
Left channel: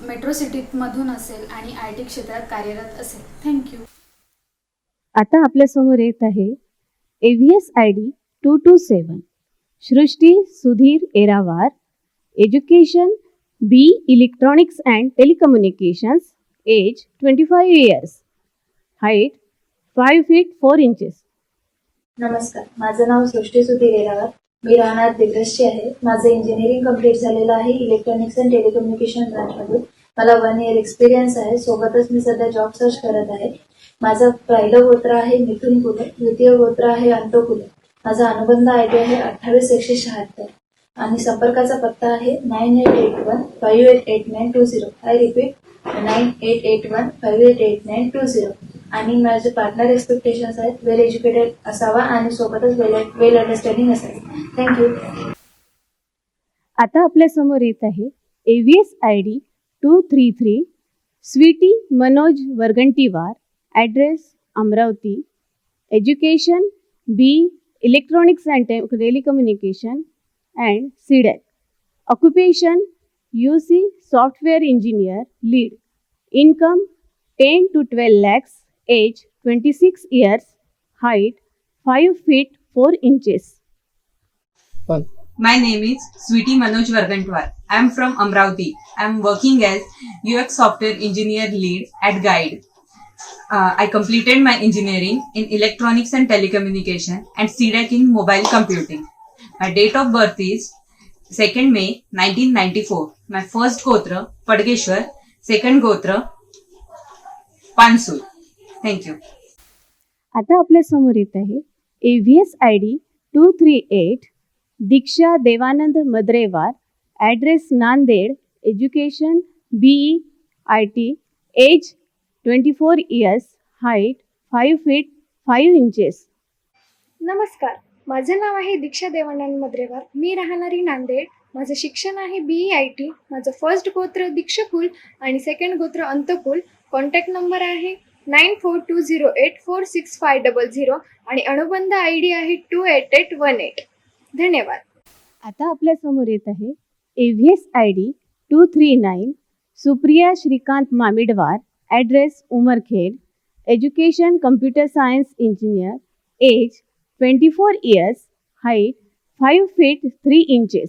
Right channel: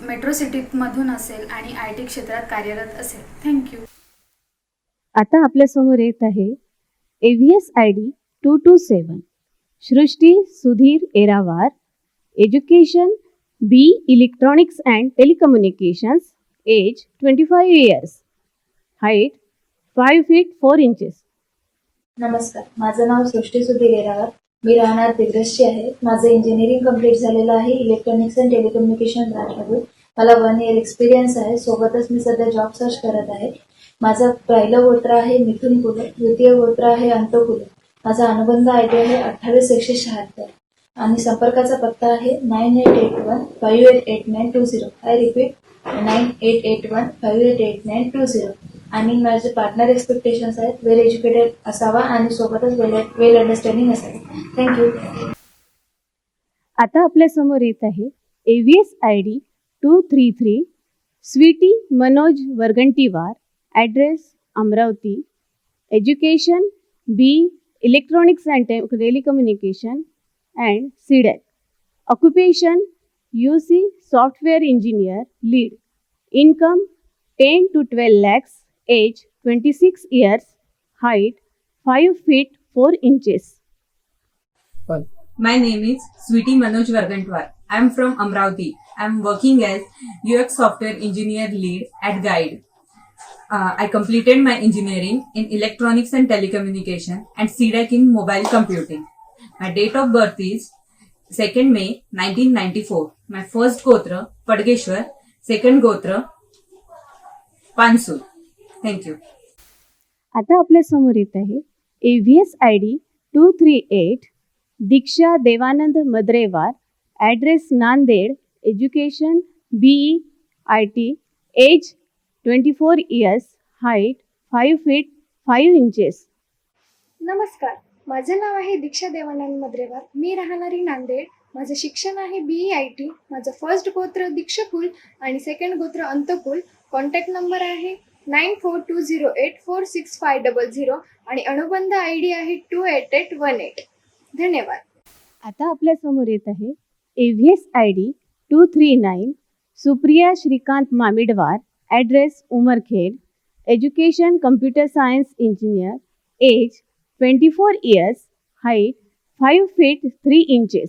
मेट्रो सिटीमधून असेल आणि IT क्षेत्रात कार्यरत असेल. थँक्यू. आता आपल्यासमोर येत आहे ABS ID 227 Srushti Sudhir Enawar, education BE electronics and telecommunication, age 25 years, height 5 feet 4 inches. नमस्कार, माझं नाव सृष्टी सुधीर एनावार. मी राहणार दिग्रसची आहे. माझं इंजिनिअरिंग कंप्लीट झालेलं आहे इलेक्ट्रॉनिक्स अँड टेलिकम्युनिकेशन ब्रांचमधून. मला 1 year एक्सपिरियन्स आहे. सोबतच मी सध्या जॉब सर्च करत आहे. माझं पहिलं गोत्र आहे मिथुन कुल, द्वितीय गोत्र आहे अंतकुल. माझा अनुबंध ID आहे 28176 आणि संपर्काचा पत्ता आहे 9881588920. I repeat 9881588920. आणि माझे पार्टनर एक्सपेक्टेशन्स आहेत वेल एज्युकेटेड असावा आणि सोबतच वेल अंडरस्टँडिंग असावे. थँक्यू. आता आपल्यासमोर येत आहे ABS ID 233 Sweety Manoj Vargantiwar, address Amravati, education BE electronics and telecommunication and CDEC, occupation UC software engineer lead, income 10 to 12 lakhs, age 26 years, height 5 feet 4 inches. My name is Sweetie Manoj Vargantwar. I am from Amravati. I am working as UX software engineer lead at Guide. I completed my engineering in electronics and telecommunication and CDEC in mobile computing. My date of birth is 2nd May 1994. My first gotra Padgeshwar, second gotra Pansul. Thank you. आता आपल्यासमोर येत आहे ABS ID 238 Diksha Devanand Madrega, address Nanded, education BE IT, age 24 years, height 5 feet 5 inches. नमस्कार, माझे नाव आहे दीक्षा देवानंद मद्रेवार. मी राहणारी नांदेड. माझं शिक्षण आहे BE IT. माझं फर्स्ट गोत्र दीक्षकुल आणि सेकंड गोत्र अंतकुल. कॉन्टॅक्ट नंबर आहे 9420846500 आणि अनुबंध आय डी आहे 28818. धन्यवाद. आता आपल्या समोर येत आहे AVS I D 239 Supriya Shrikant Mamidwar, address Umarkhed, education computer science engineer, age 24 years, height 5 feet 3 inches.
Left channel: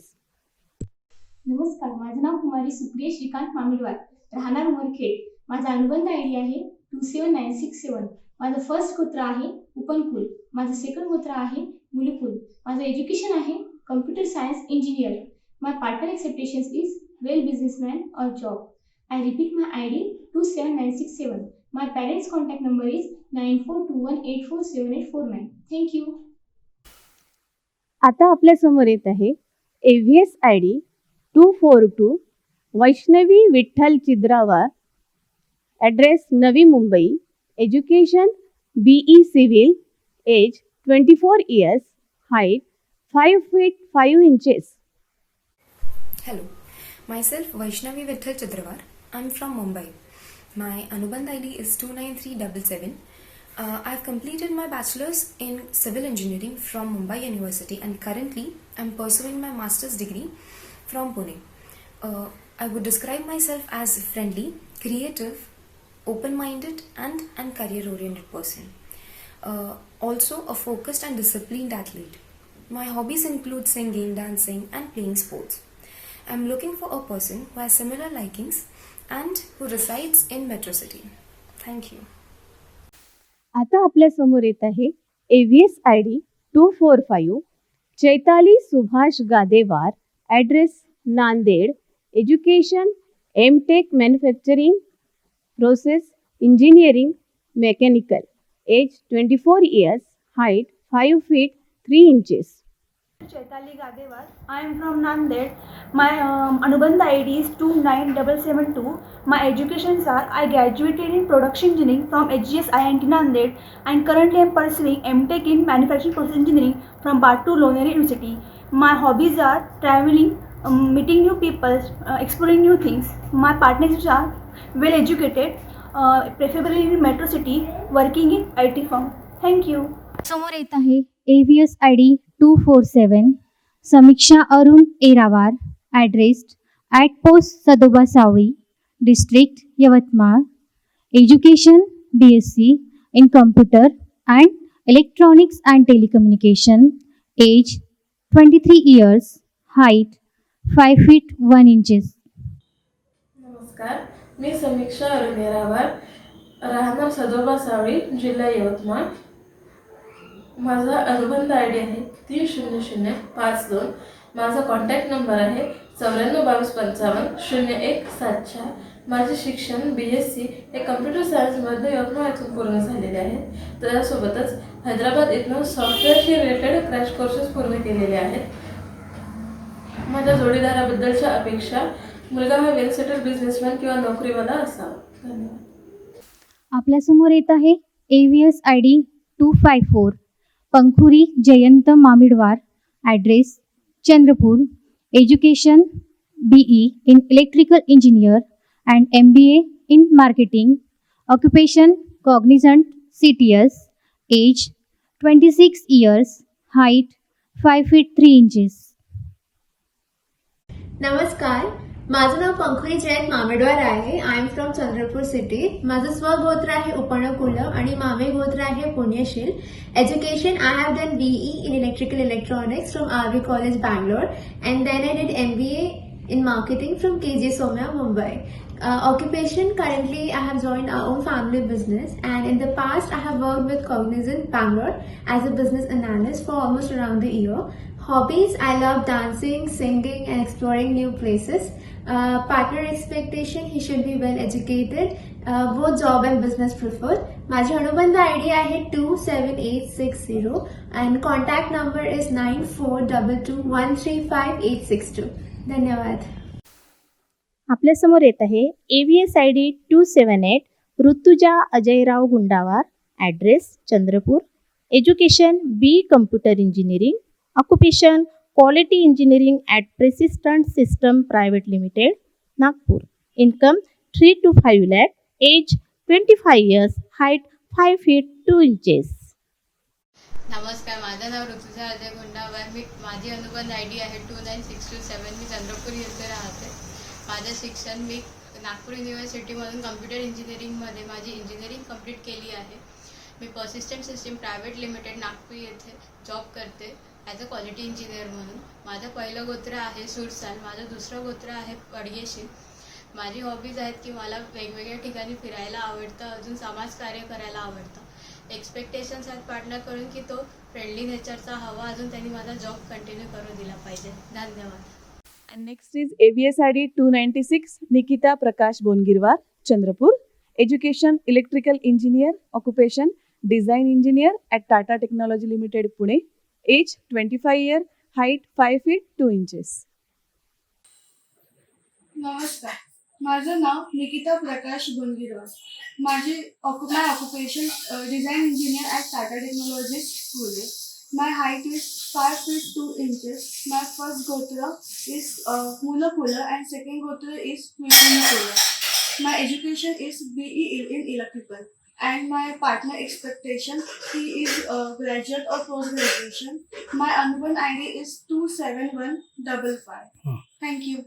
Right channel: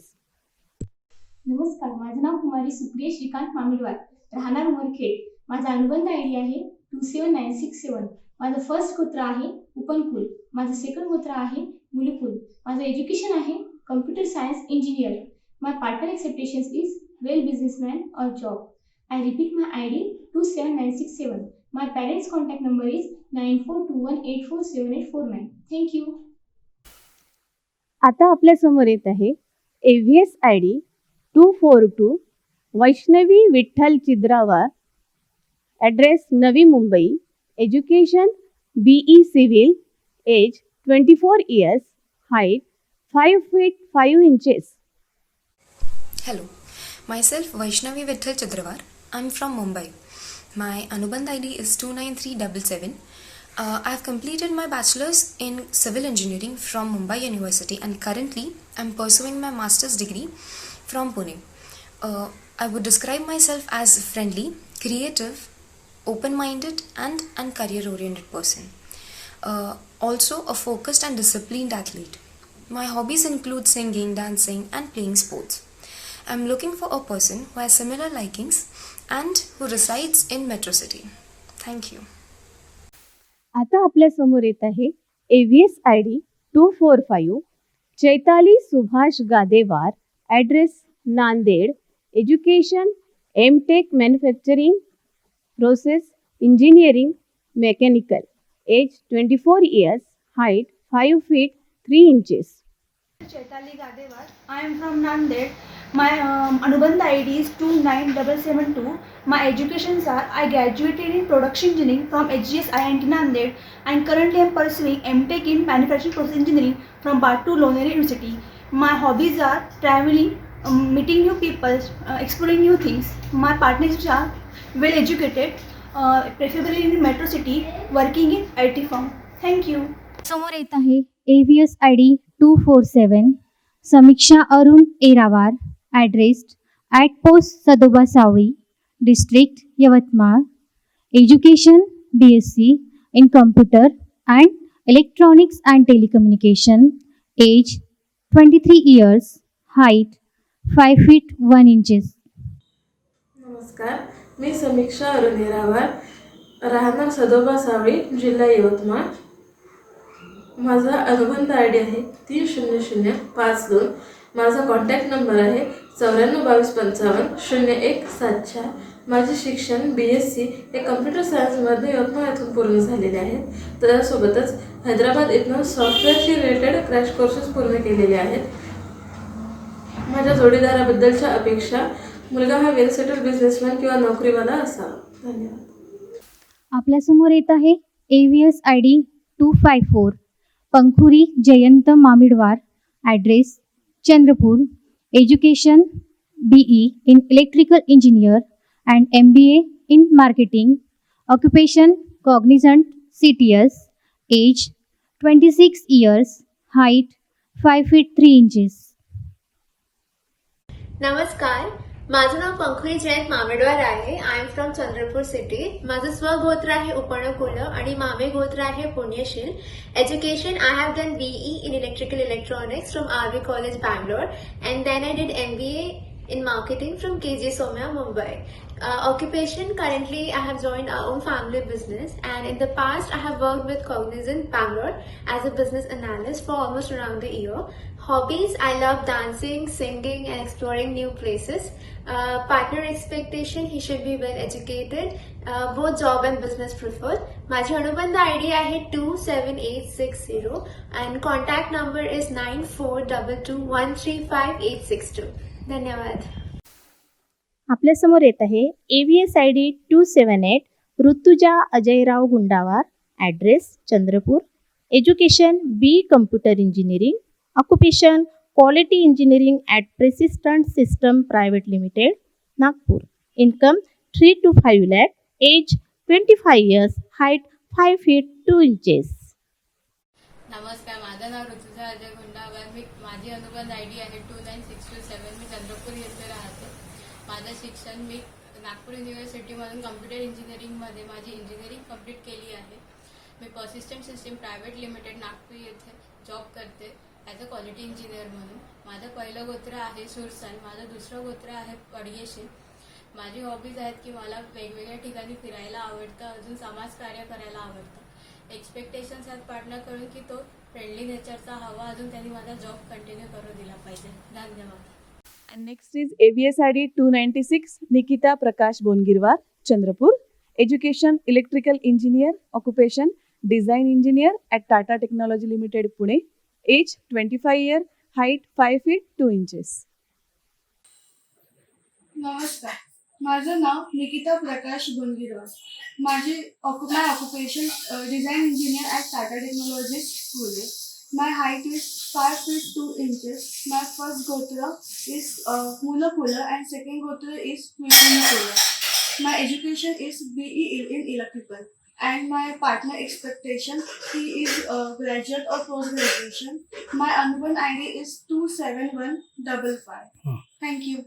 नमस्कार, माझं नाव कुमारी सुप्रिया श्रीकांत मामिडवार, राहणार उमरखेड. माझा अनुबंध आय डी आहे 27967. माझं फर्स्ट गोत्र आहे उपनकुल. माझं सेकंड गोत्र आहे मुलकुल. माझं एज्युकेशन आहे computer science engineer. My partner expectations is well businessman और job. I repeat my I D 27967. My parents contact number is 9421847849. Thank you. आता आपल्या समोर येत आहे AVS I D 242 Vaishnavi Vitthal Chigrawar, address Navi Mumbai, education BE civil, age 24 years, height 5 feet 5 inches. Hello, myself Vaishnavi Vitthal Chidrawar. I'm from Mumbai. My Anubandh ID is 29377. I've completed my bachelor's in civil engineering from Mumbai University and currently I'm pursuing my master's degree from Pune. I would describe myself as friendly, creative, open-minded and career-oriented person. Also a focused and disciplined athlete. My hobbies include singing, dancing and playing sports. I'm looking for a person who has similar likings and who resides in Metro City. Thank you. आता आपल्या समोर येत आहे AVS I D 245 Chaitali Subhash Gadewar, address Nanded, education MTech manufacturing process engineering mechanical, age 24 years, height 5 feet 3 inches. Chaitali Gadewar. I am from Nanded. My Anubandha ID is 29772. My educations are I graduated in production engineering from HGS INT Nanded and currently I am pursuing MTech in manufacturing process engineering from Batu Loneri University. My hobbies are traveling, meeting new people, exploring new things. My partners are well educated, preferably in metro city, working in IT firm. Thank you. AVS I D 247 Samiksha Arun Kerawar, address 8 post Sadgasavi, district Yavatmal, education BSc in computer and electronics and telecommunication, age 23 years, height 5 feet 1 inches. नमस्कार, मी समीक्षा अरुण येरावार, राहणार सदोबा सावळी, जिल्हा यवतमाळ. माझा अनुबंध I D आहे 30052. माझा contact number आहे 9422550174. माझे शिक्षण BSc हे कम्प्युटर सायन्समध्ये यवतमाळ येथून पूर्ण झालेले आहे. त्यासोबतच हैदराबाद येथून सॉफ्टवेअरशी रिलेटेड क्रॅश कोर्सेस पूर्ण केलेले आहेत. माझ्या जोडीदाराबद्दलच्या अपेक्षा मुलगा हा वेल सेटल बिझनेसमॅन किंवा नोकरीवाला असावा. धन्यवाद. आपल्यासमोर येत आहे AVS I D 254 Pankhuri Jayant Mamidwar, address Chandrapur, education BE in electrical engineer and MBA in marketing, occupation cognizant CPS, age 26 years, height 5 feet 3 inches. नमस्कार, माझं नाव पंखुरी जयंत मामेडवार आहे. I am from Chandrapur city. माझं स्वगोत्र आहे उपनकुल आणि मामे गोत्र आहे Punyashil. Education I have done BE in electrical electronics from RV College Bangalore and then I did MBA in marketing from KJ Somya Mumbai. Occupation, currently I have joined our own family business and in the past I have worked with Cognizant Bangalore as a business analyst for almost around the year. Hobbies, I love dancing, singing and exploring new places. Partner expectation, he should be well educated, both job and business preferred. माझी अनुबंध ID आहे 27860 and contact number is 9422135862. धन्यवाद. आपल्या समोर येत आहे AVS I D 278 Rutuja Ajayrao Gundala, address Chandrapur, education B computer engineering, occupation quality engineering at Persistent System Private Limited, Nagpur, income 3 to 5 lakh, age 25 years, height नमस्कार, माझं नाव ऋतुजा अजय गुंडावर. माझी अनुबंध आय डी आहे 29627. मी चंद्रपूर येथे राहते. माझं शिक्षण मी नागपूर युनिव्हर्सिटीमधून कम्प्युटर इंजिनिअरिंगमध्ये माझी इंजिनिअरिंग कंप्लीट केली आहे. मी persistent system private limited Nagpur येथे जॉब करते ॲज अ क्वालिटी इंजिनियर म्हणून. माझं पहिलं गोत्र आहे सुरसाल, माझं दुसरं गोत्र आहे पडगेशी. माझी हॉबीज आहेत की मला वेगवेगळ्या ठिकाणी फिरायला आवडतं, अजून समाजकार्य करायला आवडतं. एक्सपेक्टेशन्स आहेत पार्टनरकडून की तो फ्रेंडली नेचरचा हवा, अजून त्यांनी माझा जॉब कंटिन्यू करू दिला पाहिजे. धन्यवाद. Next is ABS ID 296, Nikita Prakash Gongirwa, Chandrapur. Education, Electrical Engineer, Occupation, Design Engineer at Tata Technology Limited, Pune. Age 25 years, height 5 feet 2 inches. नमस्कार, माझं नाव Nikita Prakash Gungirwar. My occupation design engineer at Tata technology Pune. My height is 5 feet 2 inches. My first गोत्र is Mulakular and second gotra is Mulakular. My education is BE in electrical and my partner expectation he is graduate or post graduation. My Anubandh ID is 27155. Thank you.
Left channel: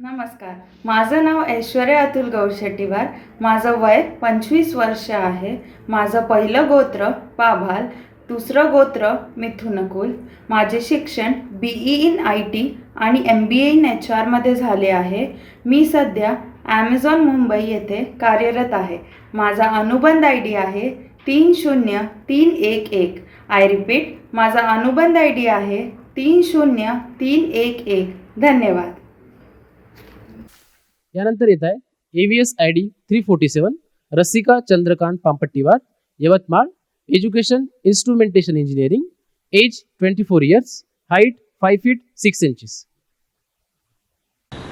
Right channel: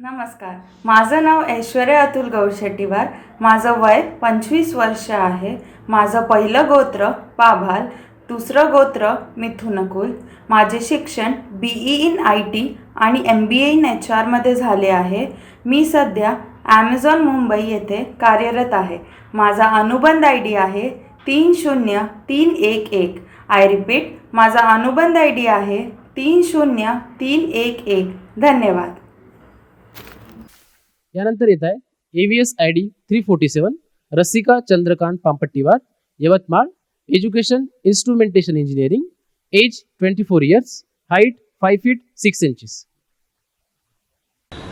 नमस्कार, माझं नाव ऐश्वर्या अतुल गौरशेट्टीवार. माझं वय 25 वर्ष आहे. माझं पहिलं गोत्र पाभाल, दुसरं गोत्र मिथुनकुल. माझे शिक्षण BE in IT आणि MBA in HR मध्ये झाले आहे. मी सध्या ॲमेझॉन मुंबई येथे कार्यरत आहे. माझा अनुबंध ID आहे 30311. आय रिपीट, माझा अनुबंध ID आहे 30311. धन्यवाद.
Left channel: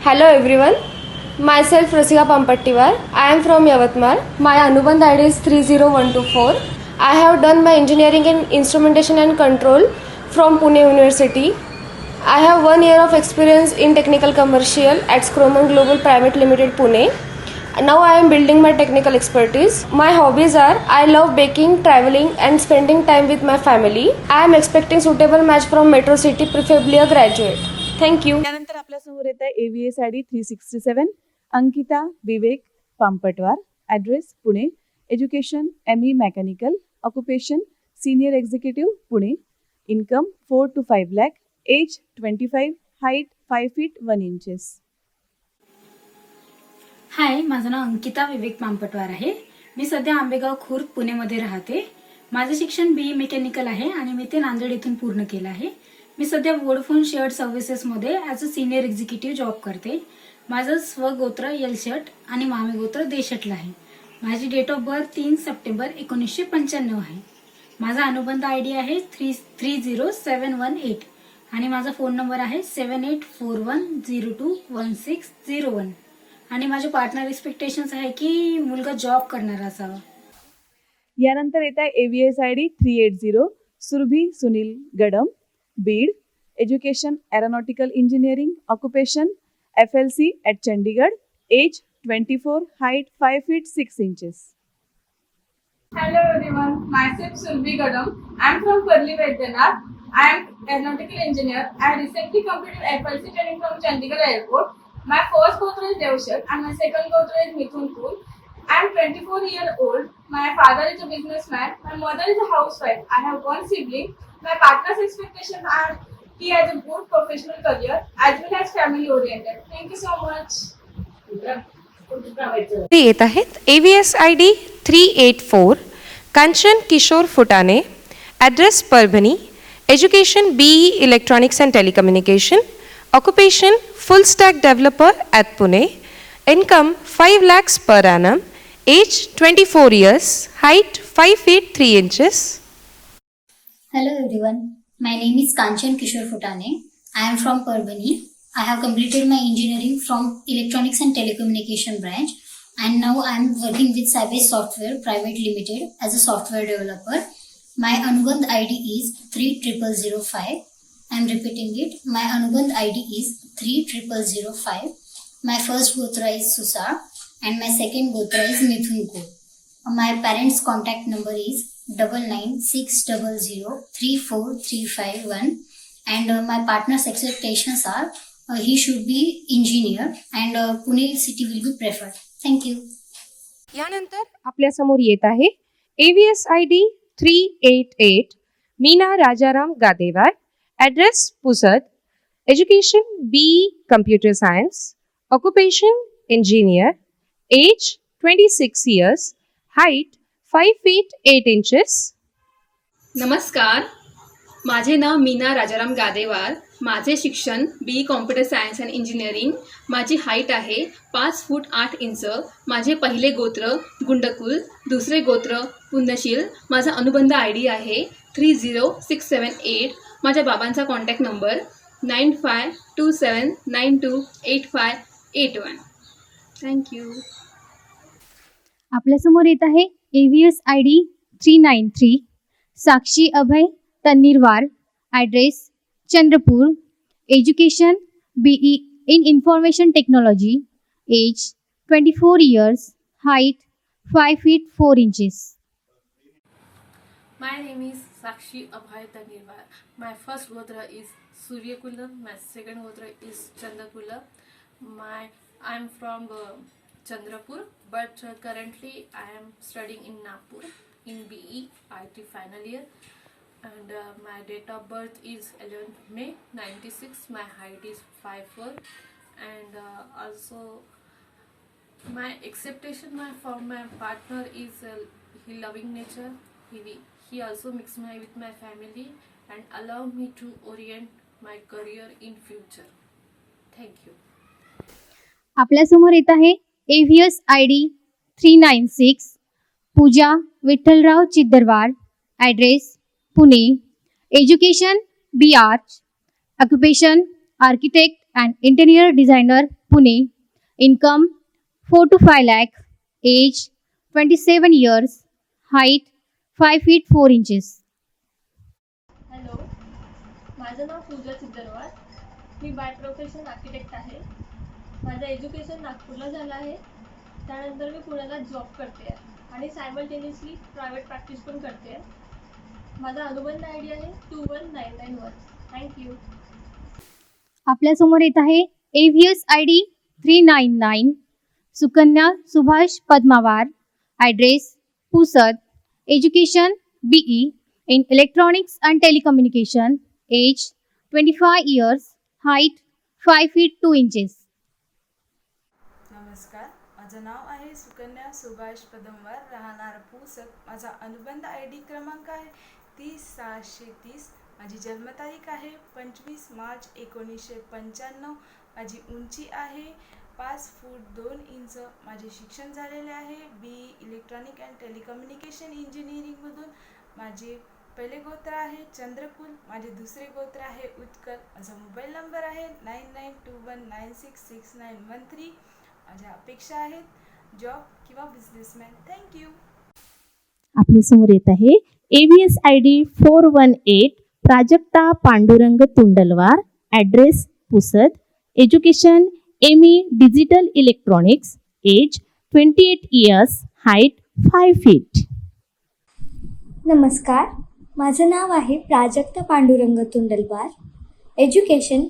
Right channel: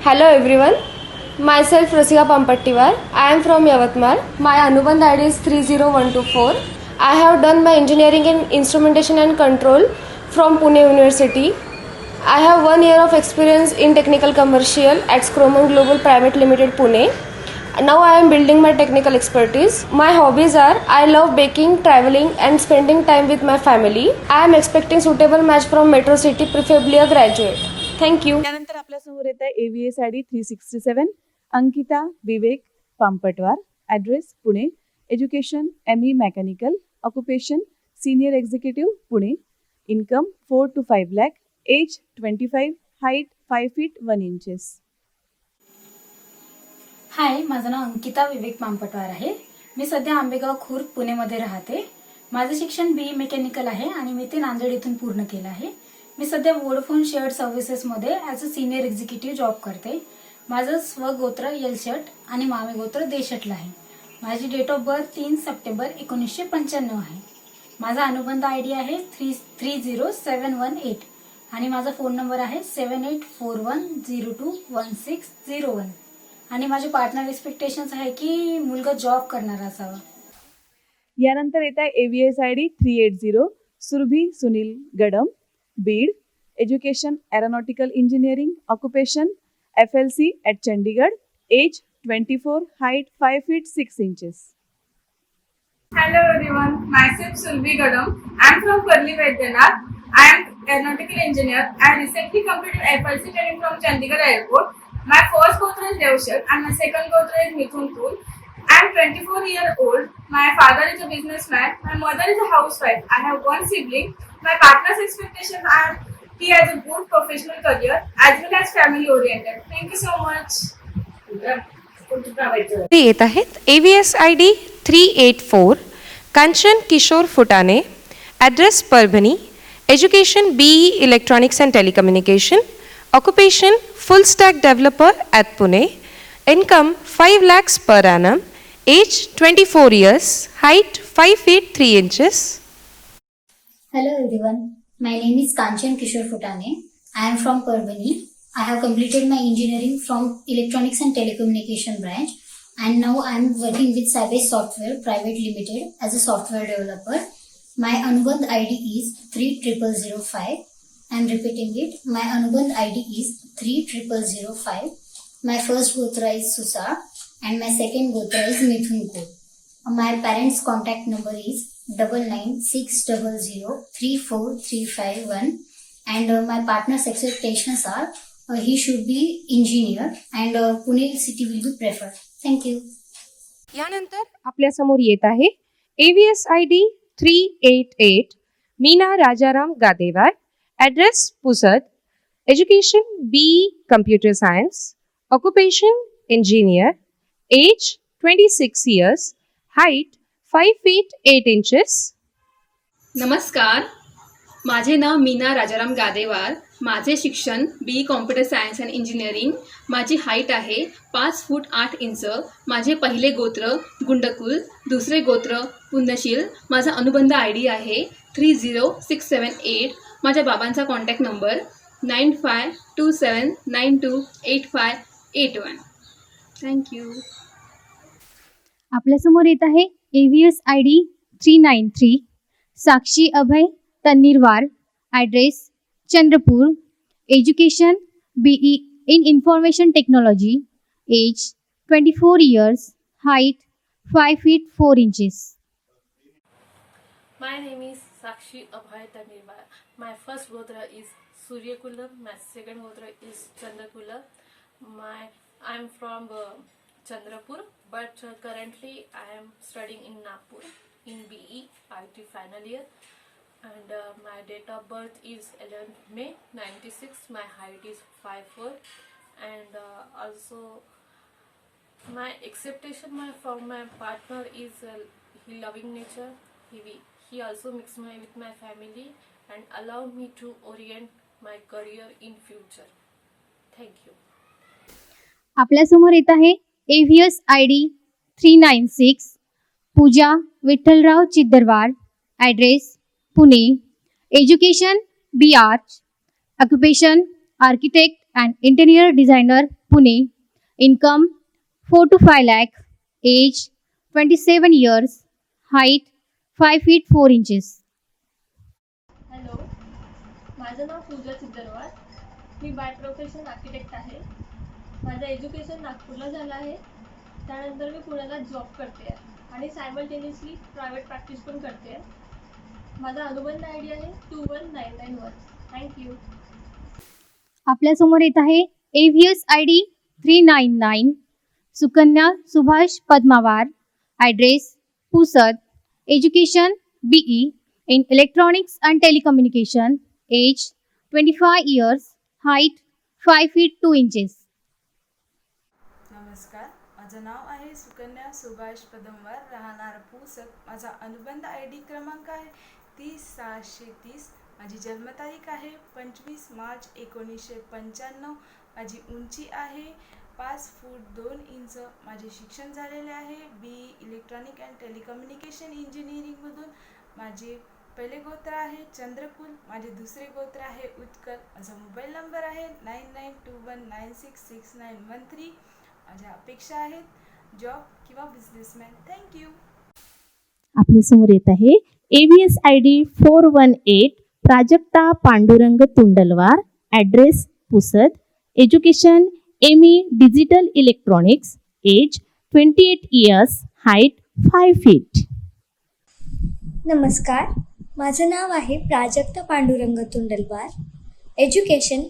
Hello everyone, myself Rasika Pampattiwar. I am from Yavatmal. My Anubandh ID is 30124. I have done my engineering in instrumentation and control from Pune University. I have 1 year of experience in technical commercial at Scroman Global Private Limited, Pune. Now I am building my technical expertise. My hobbies are I love baking, traveling and spending time with my family. I am expecting suitable match from Metro City, preferably a graduate. Thank you. Education, ME Mechanical. Occupation, Senior Executive, Pune. Income 4 to 5 lakh. Age 25. Height 5 feet 1 inches. हाय, माझं नाव अंकिता विवेक पांपटवार आहे. मी सध्या आंबेगाव खुर्द पुणेमध्ये राहते. माझं शिक्षण BE mechanical आहे आणि मी ते नांदेड इथून पूर्ण केलं आहे. मी सध्या वोडाफोन शेअर्ड सर्व्हिसेसमध्ये as a senior executive job करते. माझं स्वगोत्र एलशट आणि मामेगोत्र देशटला आहे. माझी डेट ऑफ बर्थ 3 सप्टेंबर 1995 आहे. माझा अनुबंध ID आहे 30718 आणि माझा फोन नंबर आहे 7841021601 आणि माझे पार्टनर एक्सपेक्टेशन्स आहे की मुलगा जॉब करणारा असावा. यानंतर येत्या ABS ID 380, Surabhi Sunil Gadam, Beed. Education, aeronautical engineering. Occupation, FLC at Chandigarh. Age 24. Height 5 feet 6 inches. Hello everyone, myself Sulvi Gadam. I am from Parli Vaidyanath. I am aeronautical engineer. I recently completed FLC training from Chandigarh Airport. My first gotra is Devshat and my second gotra is Mithunpur. I am 24 years old. My father is a businessman. My mother is a housewife. I have one sibling. My partner's expectations are he has a good professional career as well as family oriented. Thank you so much. Kishore Kotane, address urban, education BE Electronics and Communication, occupation first-time developer student, income 3 lakhs per annum, age 24 years, height 5 feet 3 inches. Hello everyone, my name is Kanchan Kishore Kotane. I am from Parbhani. I have completed my engineering from Electronics and Telecommunication branch, and now I am working with Savage Software Private Limited as a software developer. My Anubandh ID is 30005. I am repeating it. My Anubandh ID is 30005. My first Gotra is Susa and my second Gotra is Mithun Ko. My parents' contact number is 9960034351, and my partner's expectations are he should be engineer, and Pune city will be preferred. Thank you. Address Pusar, education BE Computer Science, occupation engineer, age 26 years, height 5 feet 8 inches. नमस्कार, माझे नाव मीना राजाराम गादेवार. माझे शिक्षण BE computer science and engineering. माझी height आहे 5 फूट 8 inch. माझे पहिले गोत्र गुंडकुल, दुसरे गोत्र पुण्यशील. माझा अनुबंध ID आहे 30678. माझ्या बाबांचा contact number 9527928581. Thank you. Education BE in Information Technology, age 24 years, height 5 feet 4 inches. My name is Sakshi Abhay Tanirwar. My first Gotra is Suryakula. My second Gotra is Chandrakula. I'm from Chandrapur, but currently I am studying in Nagpur in BE IT final year. And my date of birth is 11th May 96. My height is 5'4", and also my expectation from my partner is he loving nature. He also mix with my family and allow me to orient my career in future. Thank you. आपल्यासमोर येत आहे address ID 396 Pooja Vipulrao Chitrawar. Address Pune. Education BArt. Occupation architect or interior designer Pune. Income 4 to 5 lakhs. Age 27 years. Height 5 feet 4 inches. Hello, माझं नाव पूजा चित्रवार. मी by profession architect आहे. माझं education नागपूरला झालं आहे. त्यानंतर मी पुण्याला जॉब करते आहे आणि सायमल्टेनियसली प्रायव्हेट प्रॅक्टिस पण करते आहे. माझा अनुबंध ID आहे 21991. थँक्यू. आपल्यासमोर येत आहे address ID 399 Sukanya Subhash Padmawar. Address Pusad. Education BE in Electronics and Telecommunication. Age 25 years. Height 5 feet 2 inches. नमस्कार, माझं नाव आहे सुकन्या सुभाष पदमवार, राहणार पुसद. माझा अनुबंध ID क्रमांक आहे 30630. माझी जन्मतारीख आहे 25 मार्च 1995. माझी उंची आहे 5 फूट 2 इंच. माझे शिक्षण झालेले आहे BE इलेक्ट्रॉनिक अँड टेलिकम्युनिकेशन इंजिनिअरिंगमधून. माझे पहिले गोत्र आहे चंद्रकुल. माझे दुसरे गोत्र आहे उत्कल. माझा मोबाईल नंबर आहे 9921966913. माझ्या अपेक्षा आहेत जॉब किंवा बिझनेसमॅन. थँक्यू. आपल्यासमोर येत आहे address ID 418 Prajakta Pandurang Pandharwar. Address Pusad. Education MA digital electronics. Age 28 years. height 4 feet. नमस्कार, माझं नाव आहे Prajakta Pandurang Tundalwar. Education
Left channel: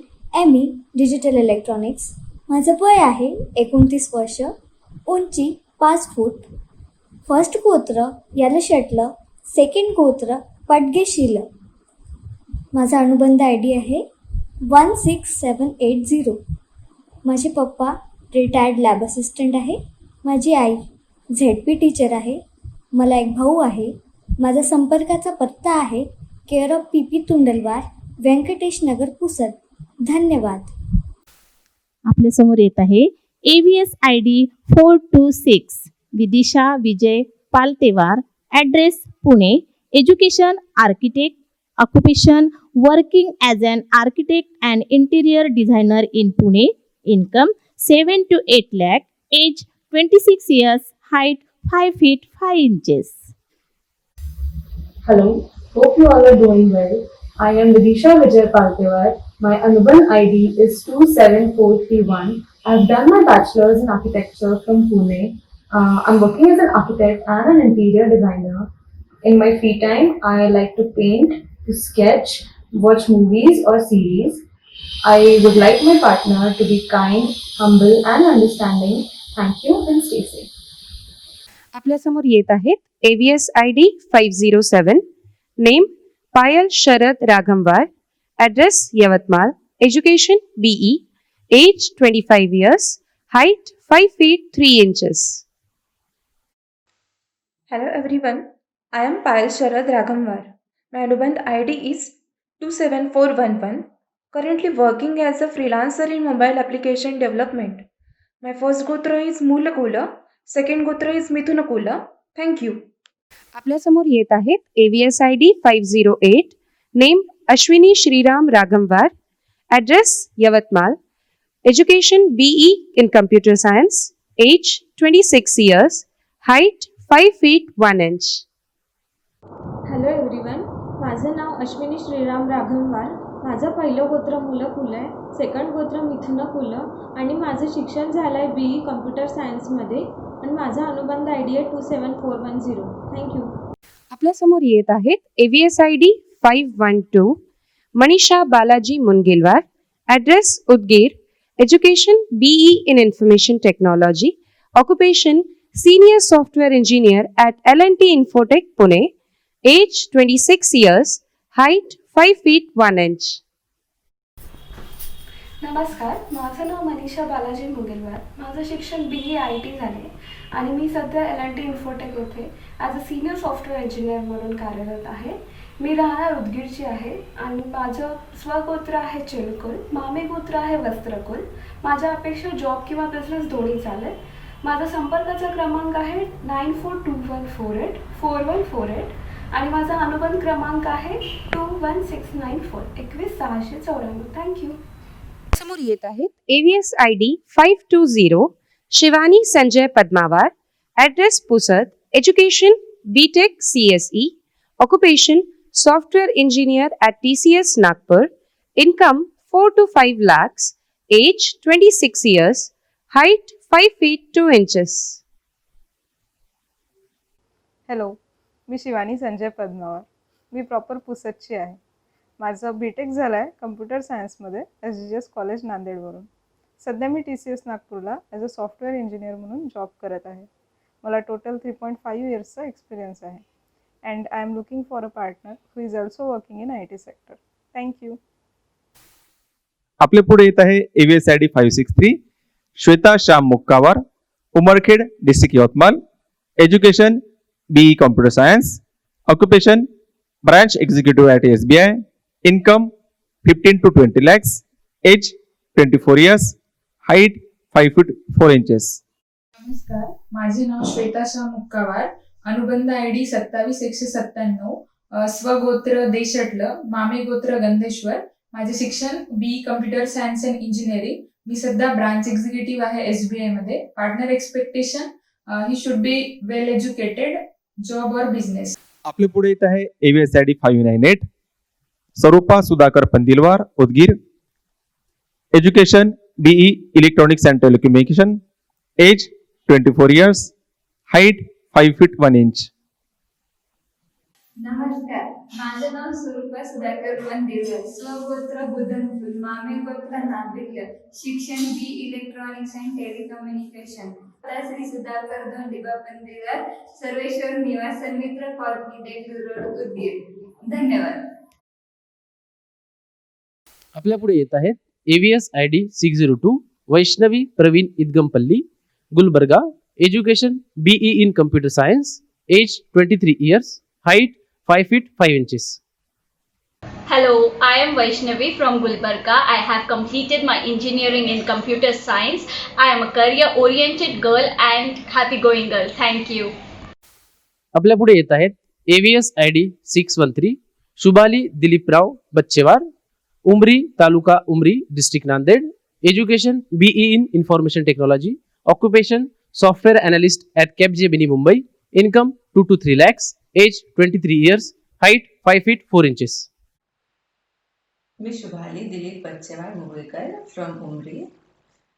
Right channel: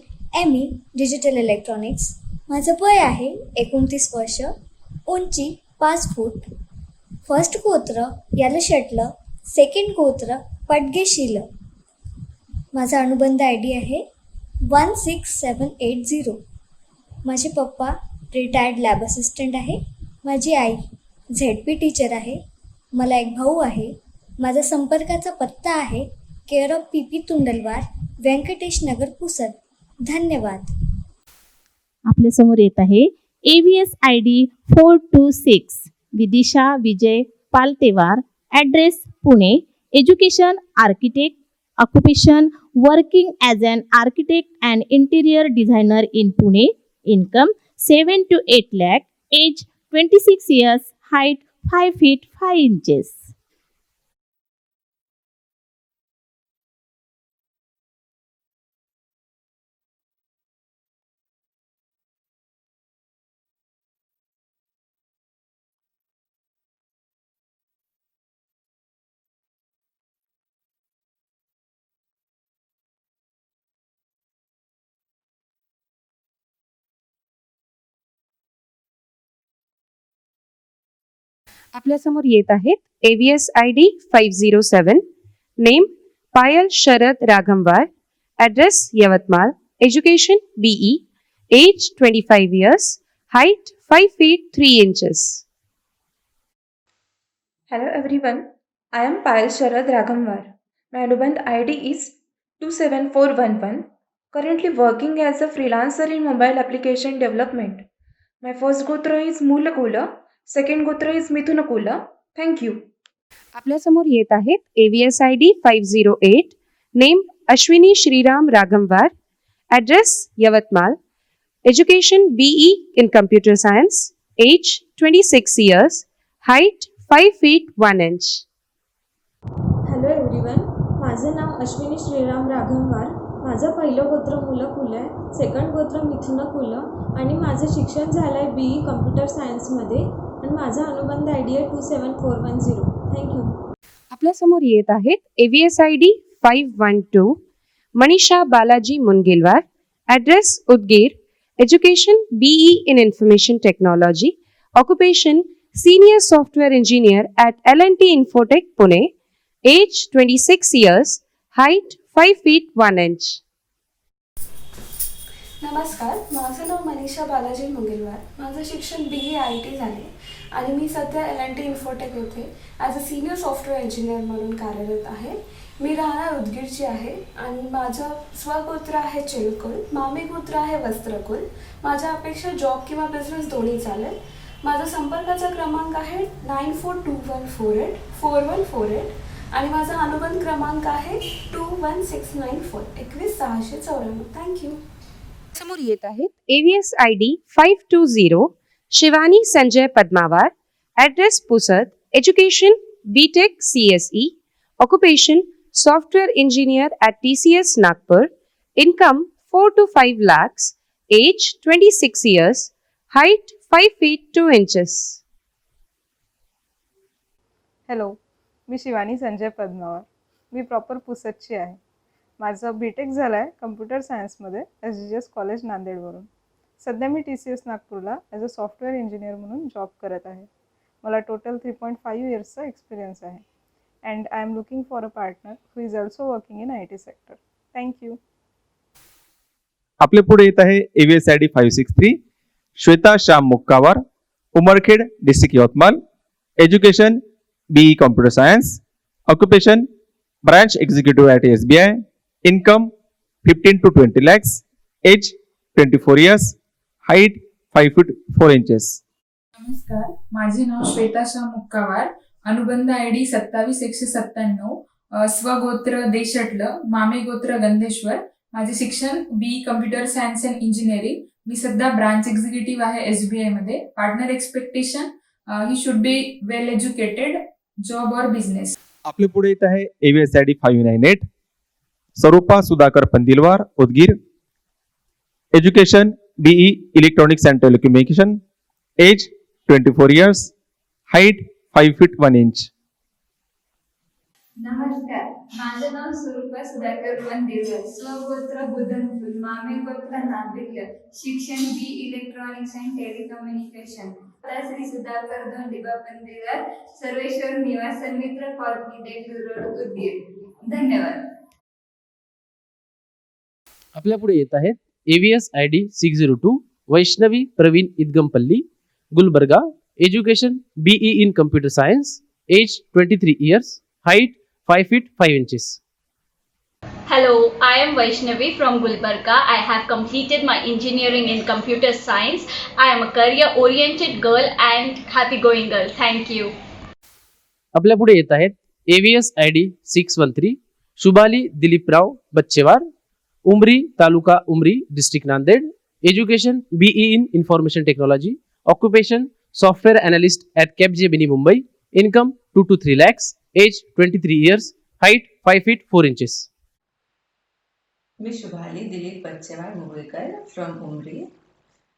ME digital electronics. माझं वय आहे 29 वर्ष. उंची 5 फूट. फर्स्ट गोत्र यालशेटलं. सेकंड गोत्र पडगेशील. माझा अनुबंध ID आहे 16780. माझे पप्पा रिटायर्ड लॅब असिस्टंट आहे. माझी आई ZP टीचर आहे. मला एक भाऊ आहे. माझा संपर्काचा पत्ता आहे care of PP Tundalwar, Venkatesh Nagar, Pusad. धन्यवाद. आपल्यासमोर येत आहे address ID 426 Vidisha Vijay Paltuwar. Address Pune. Education architect. Occupation military garden architect and interior designer in Hello, hope you all are doing well. I am Vidisha Vijay Paltewar. My Anubandh ID is 27431. I've done my bachelor's in architecture from Pune. I'm working as an architect and an interior designer. In my free time, I like to paint, to sketch, watch movies or series. I would like my partner to be kind, humble, and understanding. Thank you and stay safe. आपल्यासमोर येत आहे AVS ID 507, name Payal Sharad राघववार, address Yavatmal, education BE, age 25 years, height 5 feet 3 inches. Hello everyone, I am Payal Sharad Raghamwar. My Anubandh ID is 27411. Currently working as a freelancer in mobile application development. My first gotra is Mulakula, second gotra is Mithunakula. Thank you. आपल्यासमोर येत आहे AVS ID 508, name Ashwini Shriram राघववार, address Yavatmal, education BE in computer science, age 26 years, height 5 feet 1 inch. Hello everyone, माझं नाव अश्विनी श्रीराम राघववार. माझं पहिलं गोत्र मुलकुल आहे, second गोत्र मिथुनकुल आणि माझं शिक्षण झालं आहे BE कम्प्युटर सायन्समध्ये आणि माझा अनुबंध ID आहे 27410. थँक्यू. आपल्यासमोर येत आहे AVS ID 512, Manisha Balaji Mungilwar, address update, education BE in information technology, occupation senior software engineer at L&T Infotech Pune, age 26 years, height 5 feet 1 inch. नमस्कार, माझं नाव मनीषा बालाजी मुंगेलवार. माझं शिक्षण BE IT झाले आणि मी सध्या L&T इन्फोटेक होते as a senior software engineer म्हणून कार्यरत आहे. मी राहणार उदगीरची आहे आणि माझं स्वगोत्र आहे चिलकुल, मामे गोत्र आहे वस्त्रकुल. माझ्या अपेक्षा जॉब किंवा बिझनेस दोन्ही चालेल. माझा संपर्काचा क्रमांक आहे 9421484148 आणि माझा अनुबंध क्रमांक आहे 21694 21694. Thank you. AVS ID 520, Shivani Sanjay Padmawar, address Pusad, education BTech CSE, occupation software engineer at TCS Nagpur, income 4 to 5 lakhs, age 26 years, height 5 feet 2 inches. Hello, me Shivani Sanjay पद्मावार. Me proper पुसदची आहे. माझं BTech झालं आहे कम्प्युटर सायन्समध्ये SGS कॉलेज नांदेडवरून. सध्या मी TCS नागपूरला ॲज अ सॉफ्टवेअर इंजिनियर म्हणून जॉब करत आहे. मला टोटल 3.5 इयर्सचा एक्सपिरियन्स आहे and I am looking for a partner who is also working in IT sector. Thank you. आपल्याकडे येत आहे AVS ID 563, Shweta Shyam Mukkawar, Umarkhed district Yavatmal, education BE computer science, occupation branch executive at SBI, income 15 to 20 lakhs, age 24 years, height 5 feet 4 inches. नमस्कार, माझे नाव श्वेता शाह मुक्कावार. अनुबंध ID 27197, स्वगोत्र देशटलं, मामे गोत्र गंधेश्वर. माझे शिक्षण BE computer science and engineering. मी सध्या ब्रांच एक्झिक्युटिव्ह आहे SBI मध्ये. Partner expectation he should be well educated, job और business. AVS ID 598, Swarupa Sudhakar Panjarwar, Udgir, education BE electronics and telecommunication, age 24 years, height 5 feet 1 inch. नमस्कार, माझं नाव स्वरूपा सुधाकर वंदेकर, स्वगोत्र बुधनकुल, मामे गोत्र नांदिग्य, शिक्षण BE electronics and telecommunication. Shri Sudhakar Dhondiba Pandekar, Sarveshwar निवासन मित्र कॉलनी देगलूर रोड उदगीर. धन्यवाद. आपल्याकडे येत आहे AVS ID 602, Vaishnavi Praveen Udgampalli, Gulbarga, education BE in computer science, age 23 years, height 5 feet 5 inches. Hello, I am Vaishnavi from Gulbarga. I have completed my engineering in computer science. I am a career-oriented girl and happy-going girl. Thank you. आपल्यापुढे येत आहे AVS ID 613, Sugali Diliprao Bachchewar, Umri taluka Umri, district Nanded, education BE in information technology, occupation software analyst at Capgemini Mumbai, income 2 to 3 lakhs, age 23 years, height 5 feet 4 inches. मी Shubhali Dilip Bachchewad Mugalikar from Umri.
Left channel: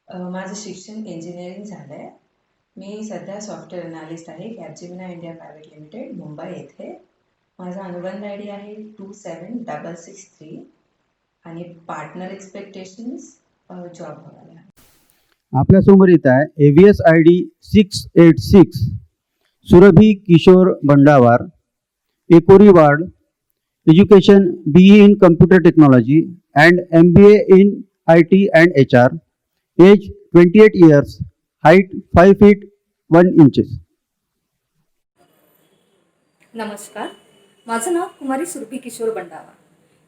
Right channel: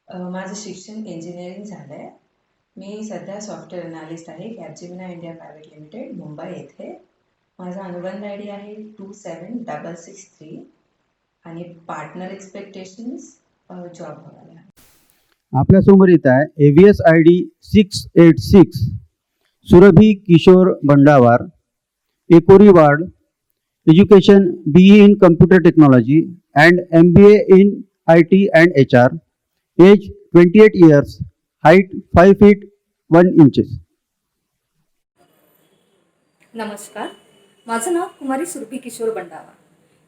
माझं शिक्षण engineering झालं आहे. मी सध्या सॉफ्टवेअर अनालिस्ट आहे कॅपजेमिना इंडिया प्रायव्हेट लिमिटेड मुंबई येथे. माझा अनुबंध आय डी आहे 27663 आणि पार्टनर एक्सपेक्टेशन्स जॉब हवाला. नमस्कार, माझं नाव कुमारी सुरभी किशोर बंडावा.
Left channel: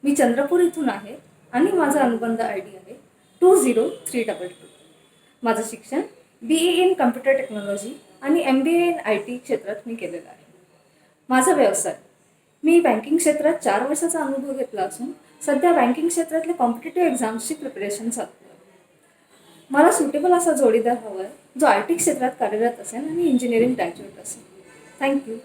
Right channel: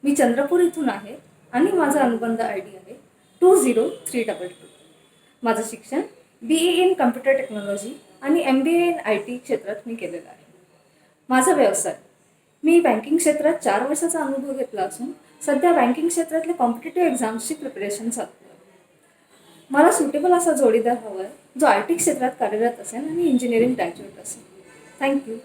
मी चंद्रपूर इथून आहे आणि माझा अनुबंध आय डी आहे 20322. माझं शिक्षण BE इन कम्प्युटर टेक्नॉलॉजी आणि MBA इन IT क्षेत्रात मी केलेलं आहे. माझा व्यवसाय, मी बँकिंग क्षेत्रात 4 वर्षाचा अनुभव घेतला असून सध्या बँकिंग क्षेत्रातल्या कॉम्पिटेटिव्ह एक्झाम्सची प्रिपरेशन चालू आहे. मला सुटेबल असा जोडीदार हवा आहे जो IT क्षेत्रात कार्यरत असेल आणि इंजिनिअरिंग ग्रॅज्युएट असेल. थँक्यू.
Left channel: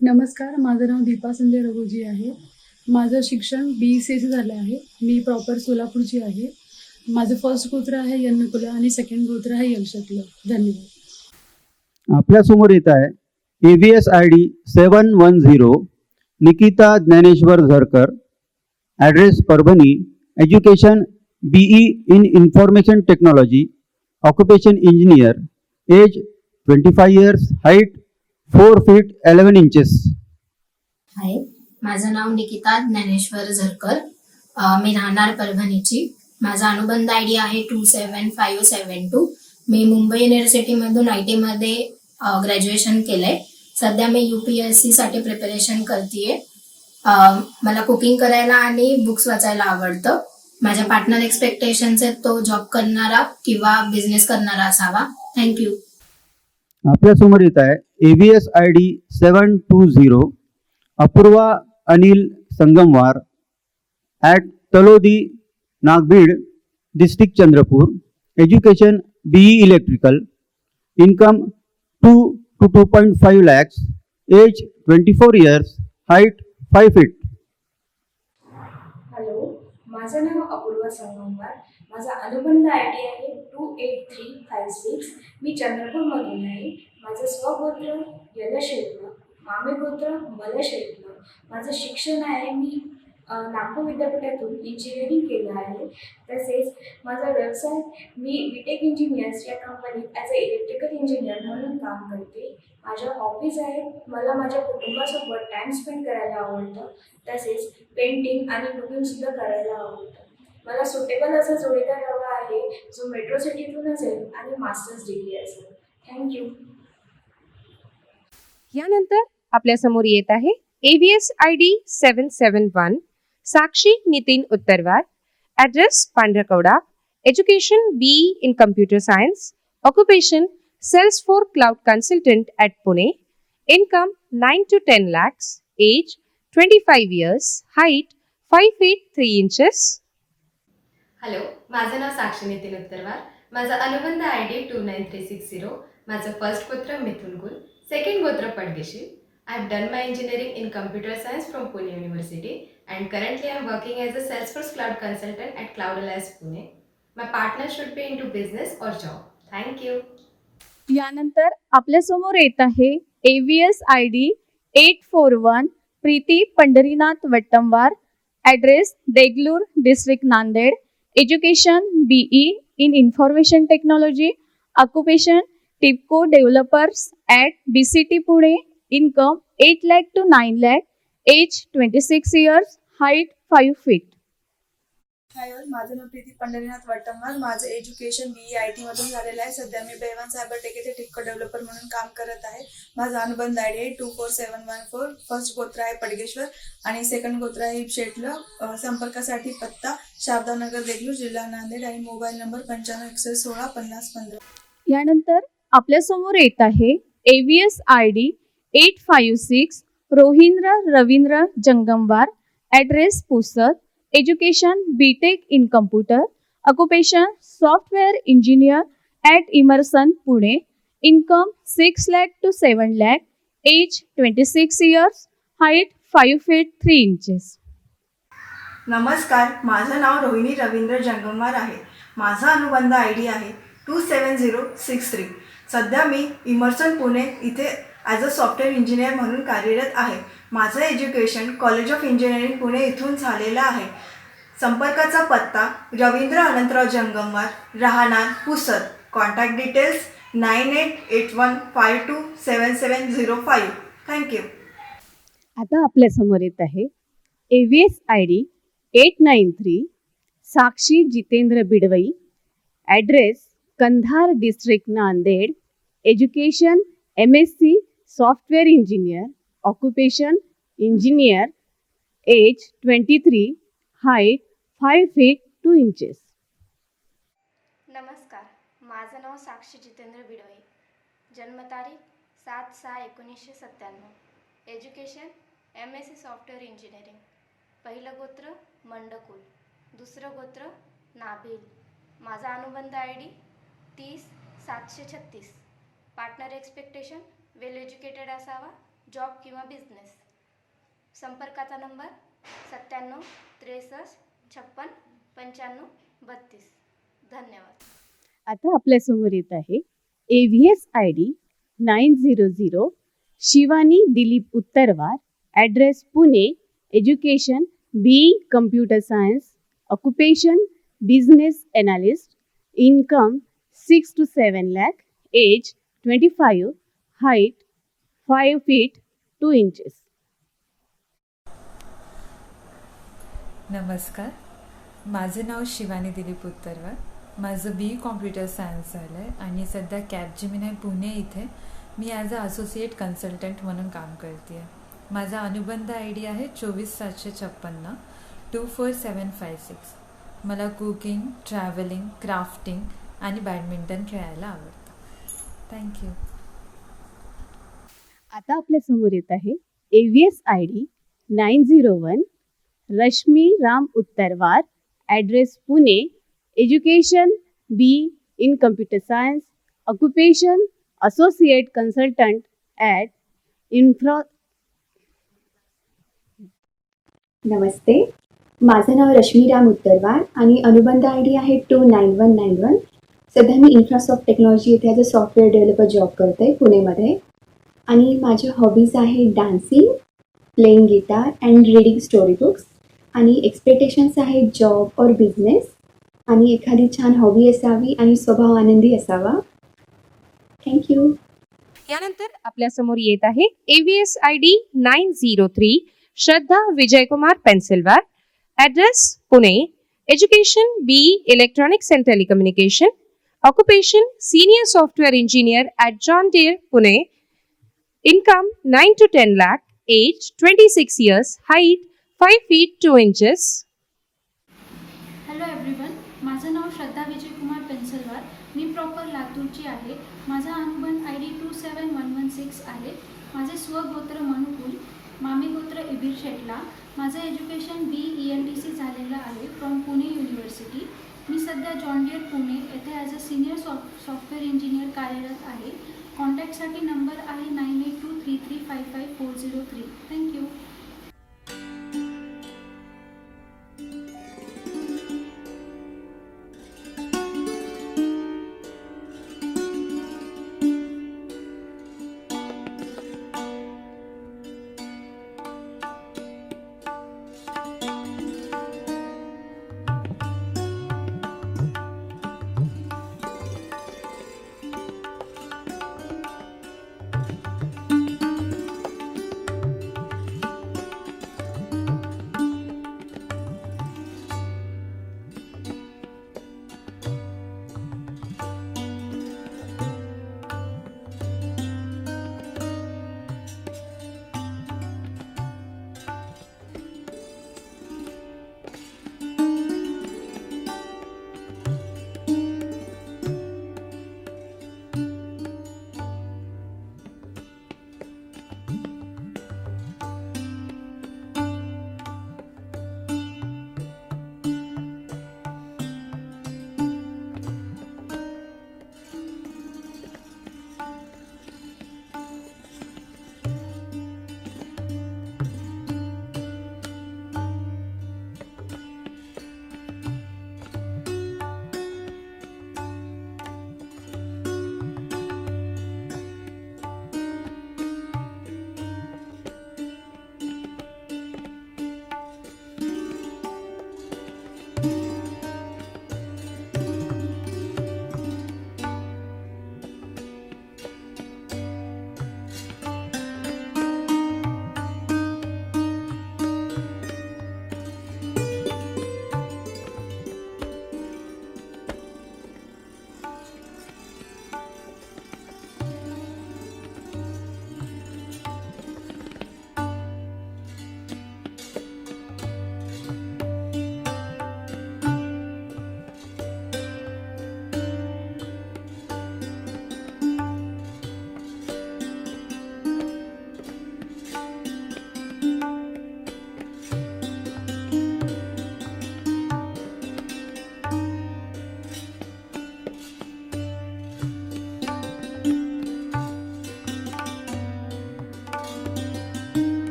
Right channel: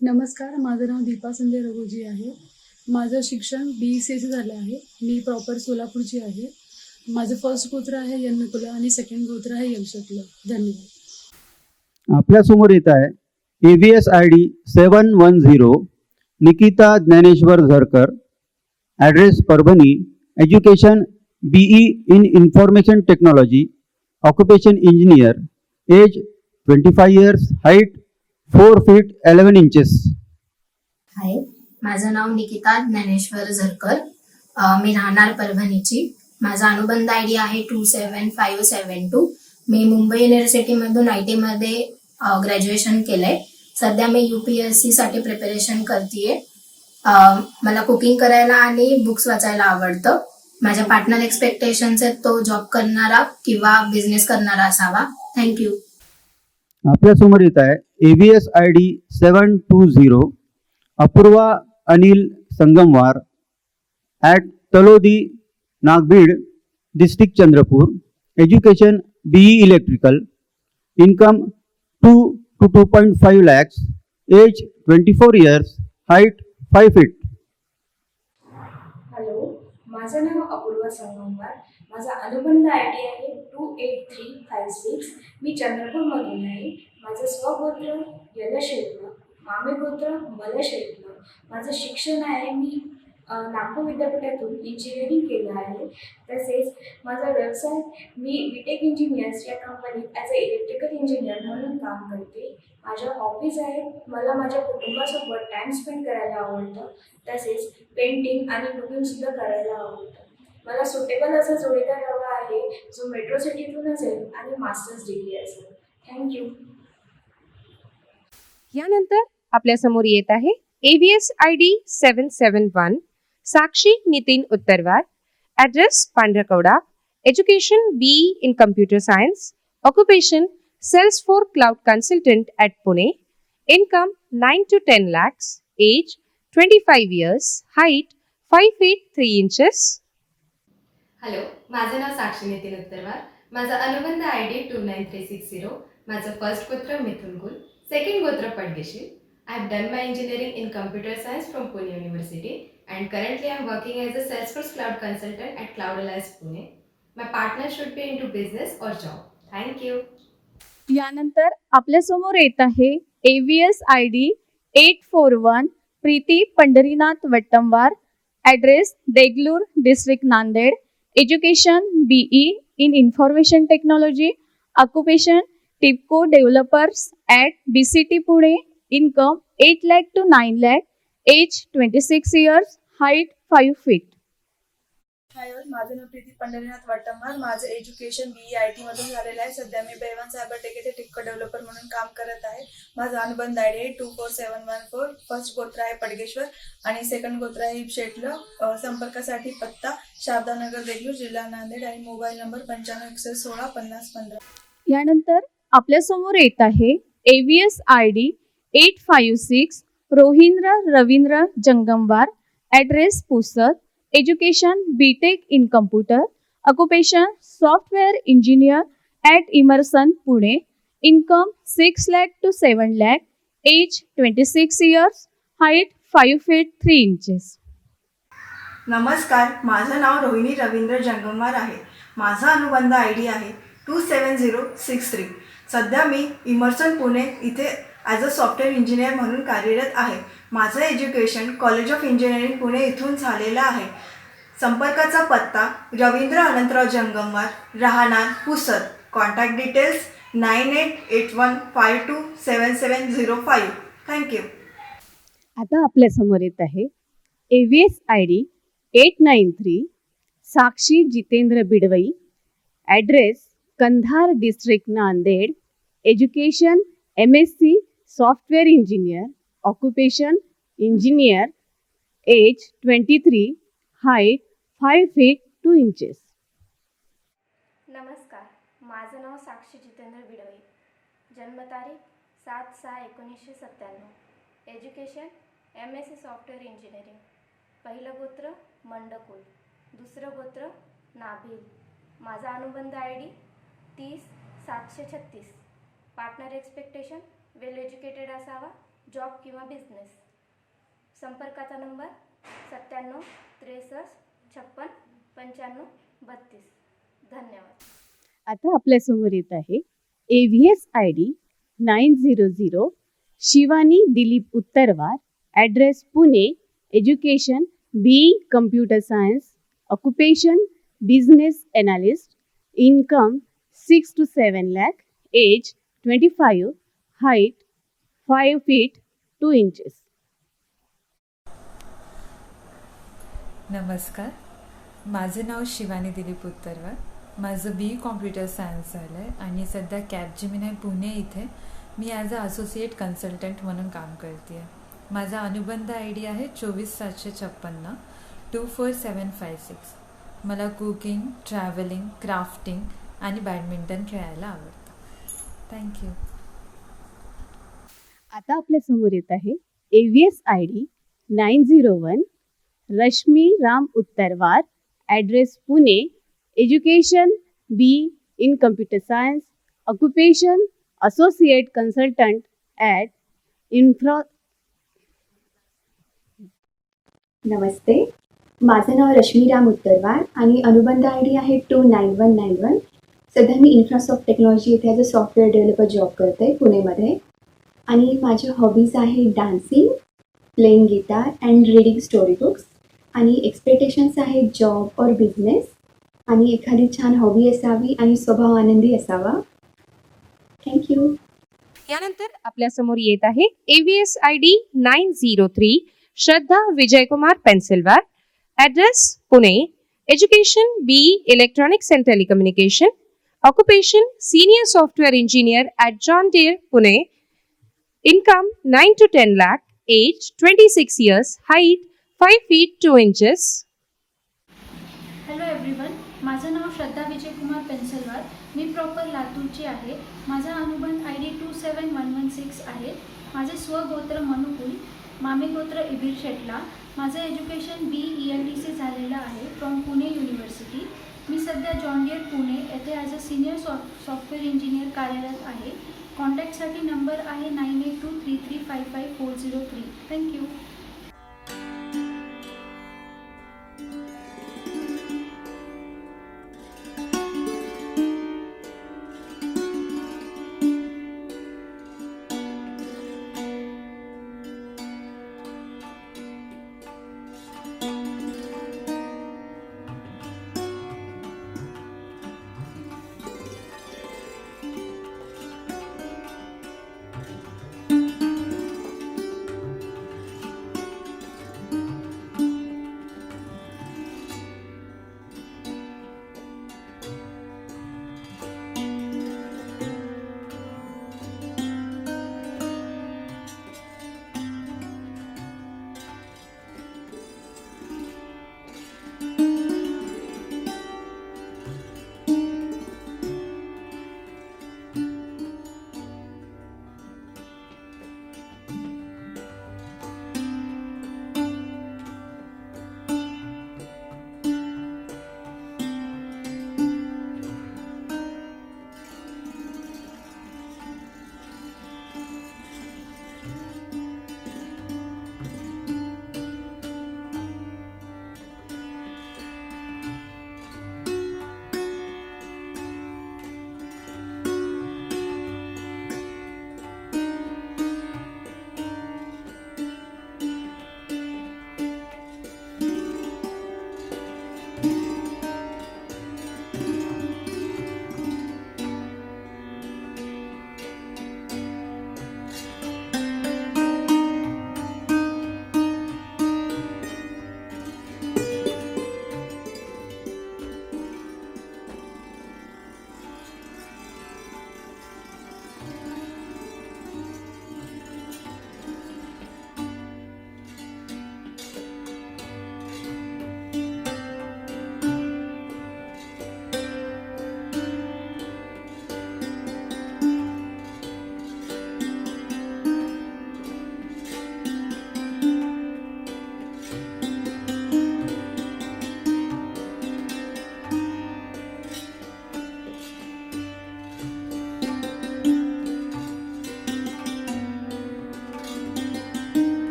नमस्कार, माझं नाव दीपा संजय रघुजी आहे. माझं शिक्षण BCSC झालं आहे. मी प्रॉपर सोलापूरची आहे. माझं फर्स्ट गोत्र आहे यन्नकुला आणि सेकंड गोत्र आहे यलशतलं. धन्यवाद. हाय, माझं नाव निकिता ज्ञानेश्वर झरकर. मी राहणार परभणीची. माझा अनुबंध आय डी आहे 27572. मी मुंबई युनिव्हर्सिटीमधून IT मध्ये ग्रॅज्युएशन केलंय. सध्या मी UPSC साठी प्रिपरेशन करतेय. मला कुकिंग करायला आणि बुक्स वाचायला आवडतं. माझ्या पार्टनर एक्सपेक्टेशन्स आहेत तो जॉब करणारा किंवा बिझनेस करणारा असावा. थँक्यू. हॅलो, माझं नाव अपूर्वा संगमवार. माझा अनुबंध आय डी आहे 28356. मी चंद्रपूरमधून आहे. माझं स्वगोत्र यलशेतलं, मामेगोत्र मलशेतलं. माझं शिक्षण आहे, मी नागपूर विद्यापीठातून इंजिनिअरिंग केलं आहे. तसेच माझा व्यवसाय, मी बीटेक इंजिनियर्स या कंपनीत ॲज अ इलेक्ट्रिकल इंजिनियर म्हणून काम करते. माझ्या हॉबीज आहेत, मला माझ्या कुटुंबासोबत टाईम स्पेंड करायला आवडतं. तसेच पेंटिंग आणि कुकिंगसुद्धा करायला आवडतं. मला सुटेबल असा जोडीदार हवा आहे जो मेट्रो सिटीतून असेल आणि मास्टर्स डिग्री असेल. थँक्यू. आपल्यासमोर येत आहे ABS ID 771 Sakshi Nitin Uttarkar. Address Pandikora. Education BE in Computer Science. Occupation First Floor Care Consultant at Pune. Income 9 to 10 lakh. Age 25 years. Height 5 feet 3 inches. Hello, माझं नाव साक्षी नितीन उत्तरवार. माझा अनुबंध आय डी 29360. माझं first गोत्र मिथुन कुल, second गोत्र पडगेशी. I have done my engineering in computer science from Pune University and currently I am working as a Salesforce Cloud Consultant at Cloud Alliance Pune. My partner should be into business or job. Thank you. आपल्यासमोर येत आहे ABS ID 841 Preeti Pandharinath वेटंबर. Address Deglur District Nanded. Education BE in Information Technology. Occupation TIPCO Developers at BCT Pune. Income 8 lakh to 9 lakh. Age 26 years. Height 5 feet. हाय, माझं नाव प्रीती पंढरीनाथ वटंबर. माझं education BE IT मधून झालेलं आहे. सध्या मी बेवन सायबर टेक येथे टिपको डेव्हलपर म्हणून काम करत आहे. माझा अनुबंध आय डी आहे 24714. फर्स्ट गोत्र आहे पडगेश्वर आणि सेकंड गोत्र आहे शेटलं. संपर्कासाठी पत्ता शारदानगर देगलूर जिल्हा नांदेड आणि मोबाईल नंबर 95 116 50 15. आपल्यासमोर येत आहे ABS ID Education BTech in Computer. Occupation Software Engineer and Emerson Pune. Income 6 lakh to 7 lakh. Age 26 years. Height 5 feet 3 inches. नमस्कार, माझं नाव रोहिणी रवींद्र जंगमवार आहे. माझा अनुबंध आय डी आहे 27063. सध्या मी इमर्सन पुणे इथे ॲज अ सॉफ्टवेअर इंजिनियर म्हणून कार्यरत आहे. माझं education college of engineering Pune इथून झालेलं आहे. संपर्काचा पत्ता रवींद्र अनंतराव जंगमवार, राहणार पुसद. Contact details 9881527705. थँक्यू. आता आपल्या समोर येत आहे ABS ID 893 Sakshi Jitendra Bidwe. Address Kandhar district Nanded. Education MSc software engineer. Occupation engineer. Age 23. Height 5 feet 2 inches. नमस्कार, माझं नाव साक्षी जितेंद्र बिडवे. जन्मतारीख 7/6/1997. Education MSc software engineering. पहिलं गोत्र मंडकुल, दुसरं गोत्र नाभिल. माझा अनुबंध ID 30/736. पार्टनर एक्सपेक्टेशन वेल एज्युकेटेड असावा, जॉब किंवा बिझनेस. संपर्काचा नंबर 97 63 56 95 32. धन्यवाद. आता आपल्या समोर येत आहे ABS ID 900 Shivani Dilip Uttarwar. Address Pune. Education BE computer science. Occupation business analyst. Income 6 to 7 lakh. Age 25. Height 5 feet 3 inches. नमस्कार, माझं नाव शिवानी दिलीप उत्तरवार. माझं BE कॉम्प्युटर सायन्स झालं आहे आणि सध्या कॅपजेमिनाय पुणे इथे मी ॲज अ असोसिएट कन्सल्टंट म्हणून काम करते आहे. माझा अनुबंध ID आहे 24756 24756. मला कुकिंग, ट्रॅव्हलिंग, क्राफ्टिंग आणि बॅडमिंटन खेळायला आवडतं. थँक्यू. आता आपल्या समोर येत आहे ABS ID 901 Rashmi Ram Uttarwar. Address Pune. Education BE in Computer Science. Occupation associate consultant at नमस्ते, माझं नाव रश्मीराम उत्तरवार आणि अनुबंध ID आहे 29191. सध्या मी इन्फ्रासॉफ्ट टेक्नॉलॉजी इथे as a software developer job करते पुणेमध्ये. आणि माझ्या हॉबीज आहेत dancing, playing guitar and reading story books. आणि एक्सपेक्टेशन्स आहेत जॉब और बिझनेस आणि एखादी छान हॉबी असावी आणि स्वभाव आनंदी असावा. Thank you. Education BE Electronics and Telecommunication. Occupation Senior Software Engineer at John Deere Play. Income 9 to 10 lakh. Age 26 years. And 5 feet 2 inches. Hello everyone, माझं नाव श्रद्धा विजयकुमार पेन्सलवार. मी प्रॉपर लातूरची आहे. माझा अनुबंध ID 27116 आहे. माझे स्वगोत्र मनुकुल, मामे गोत्र इबीर शेटला. माझं एज्युकेशन BE ELTC झालेलं आहे फ्रॉम पुणे युनिव्हर्सिटी. मी सध्या जॉन डियर पुणे येथे as a senior software engineer कार्यरत आहे. कॉन्टॅक्टसाठी नंबर आहे 982335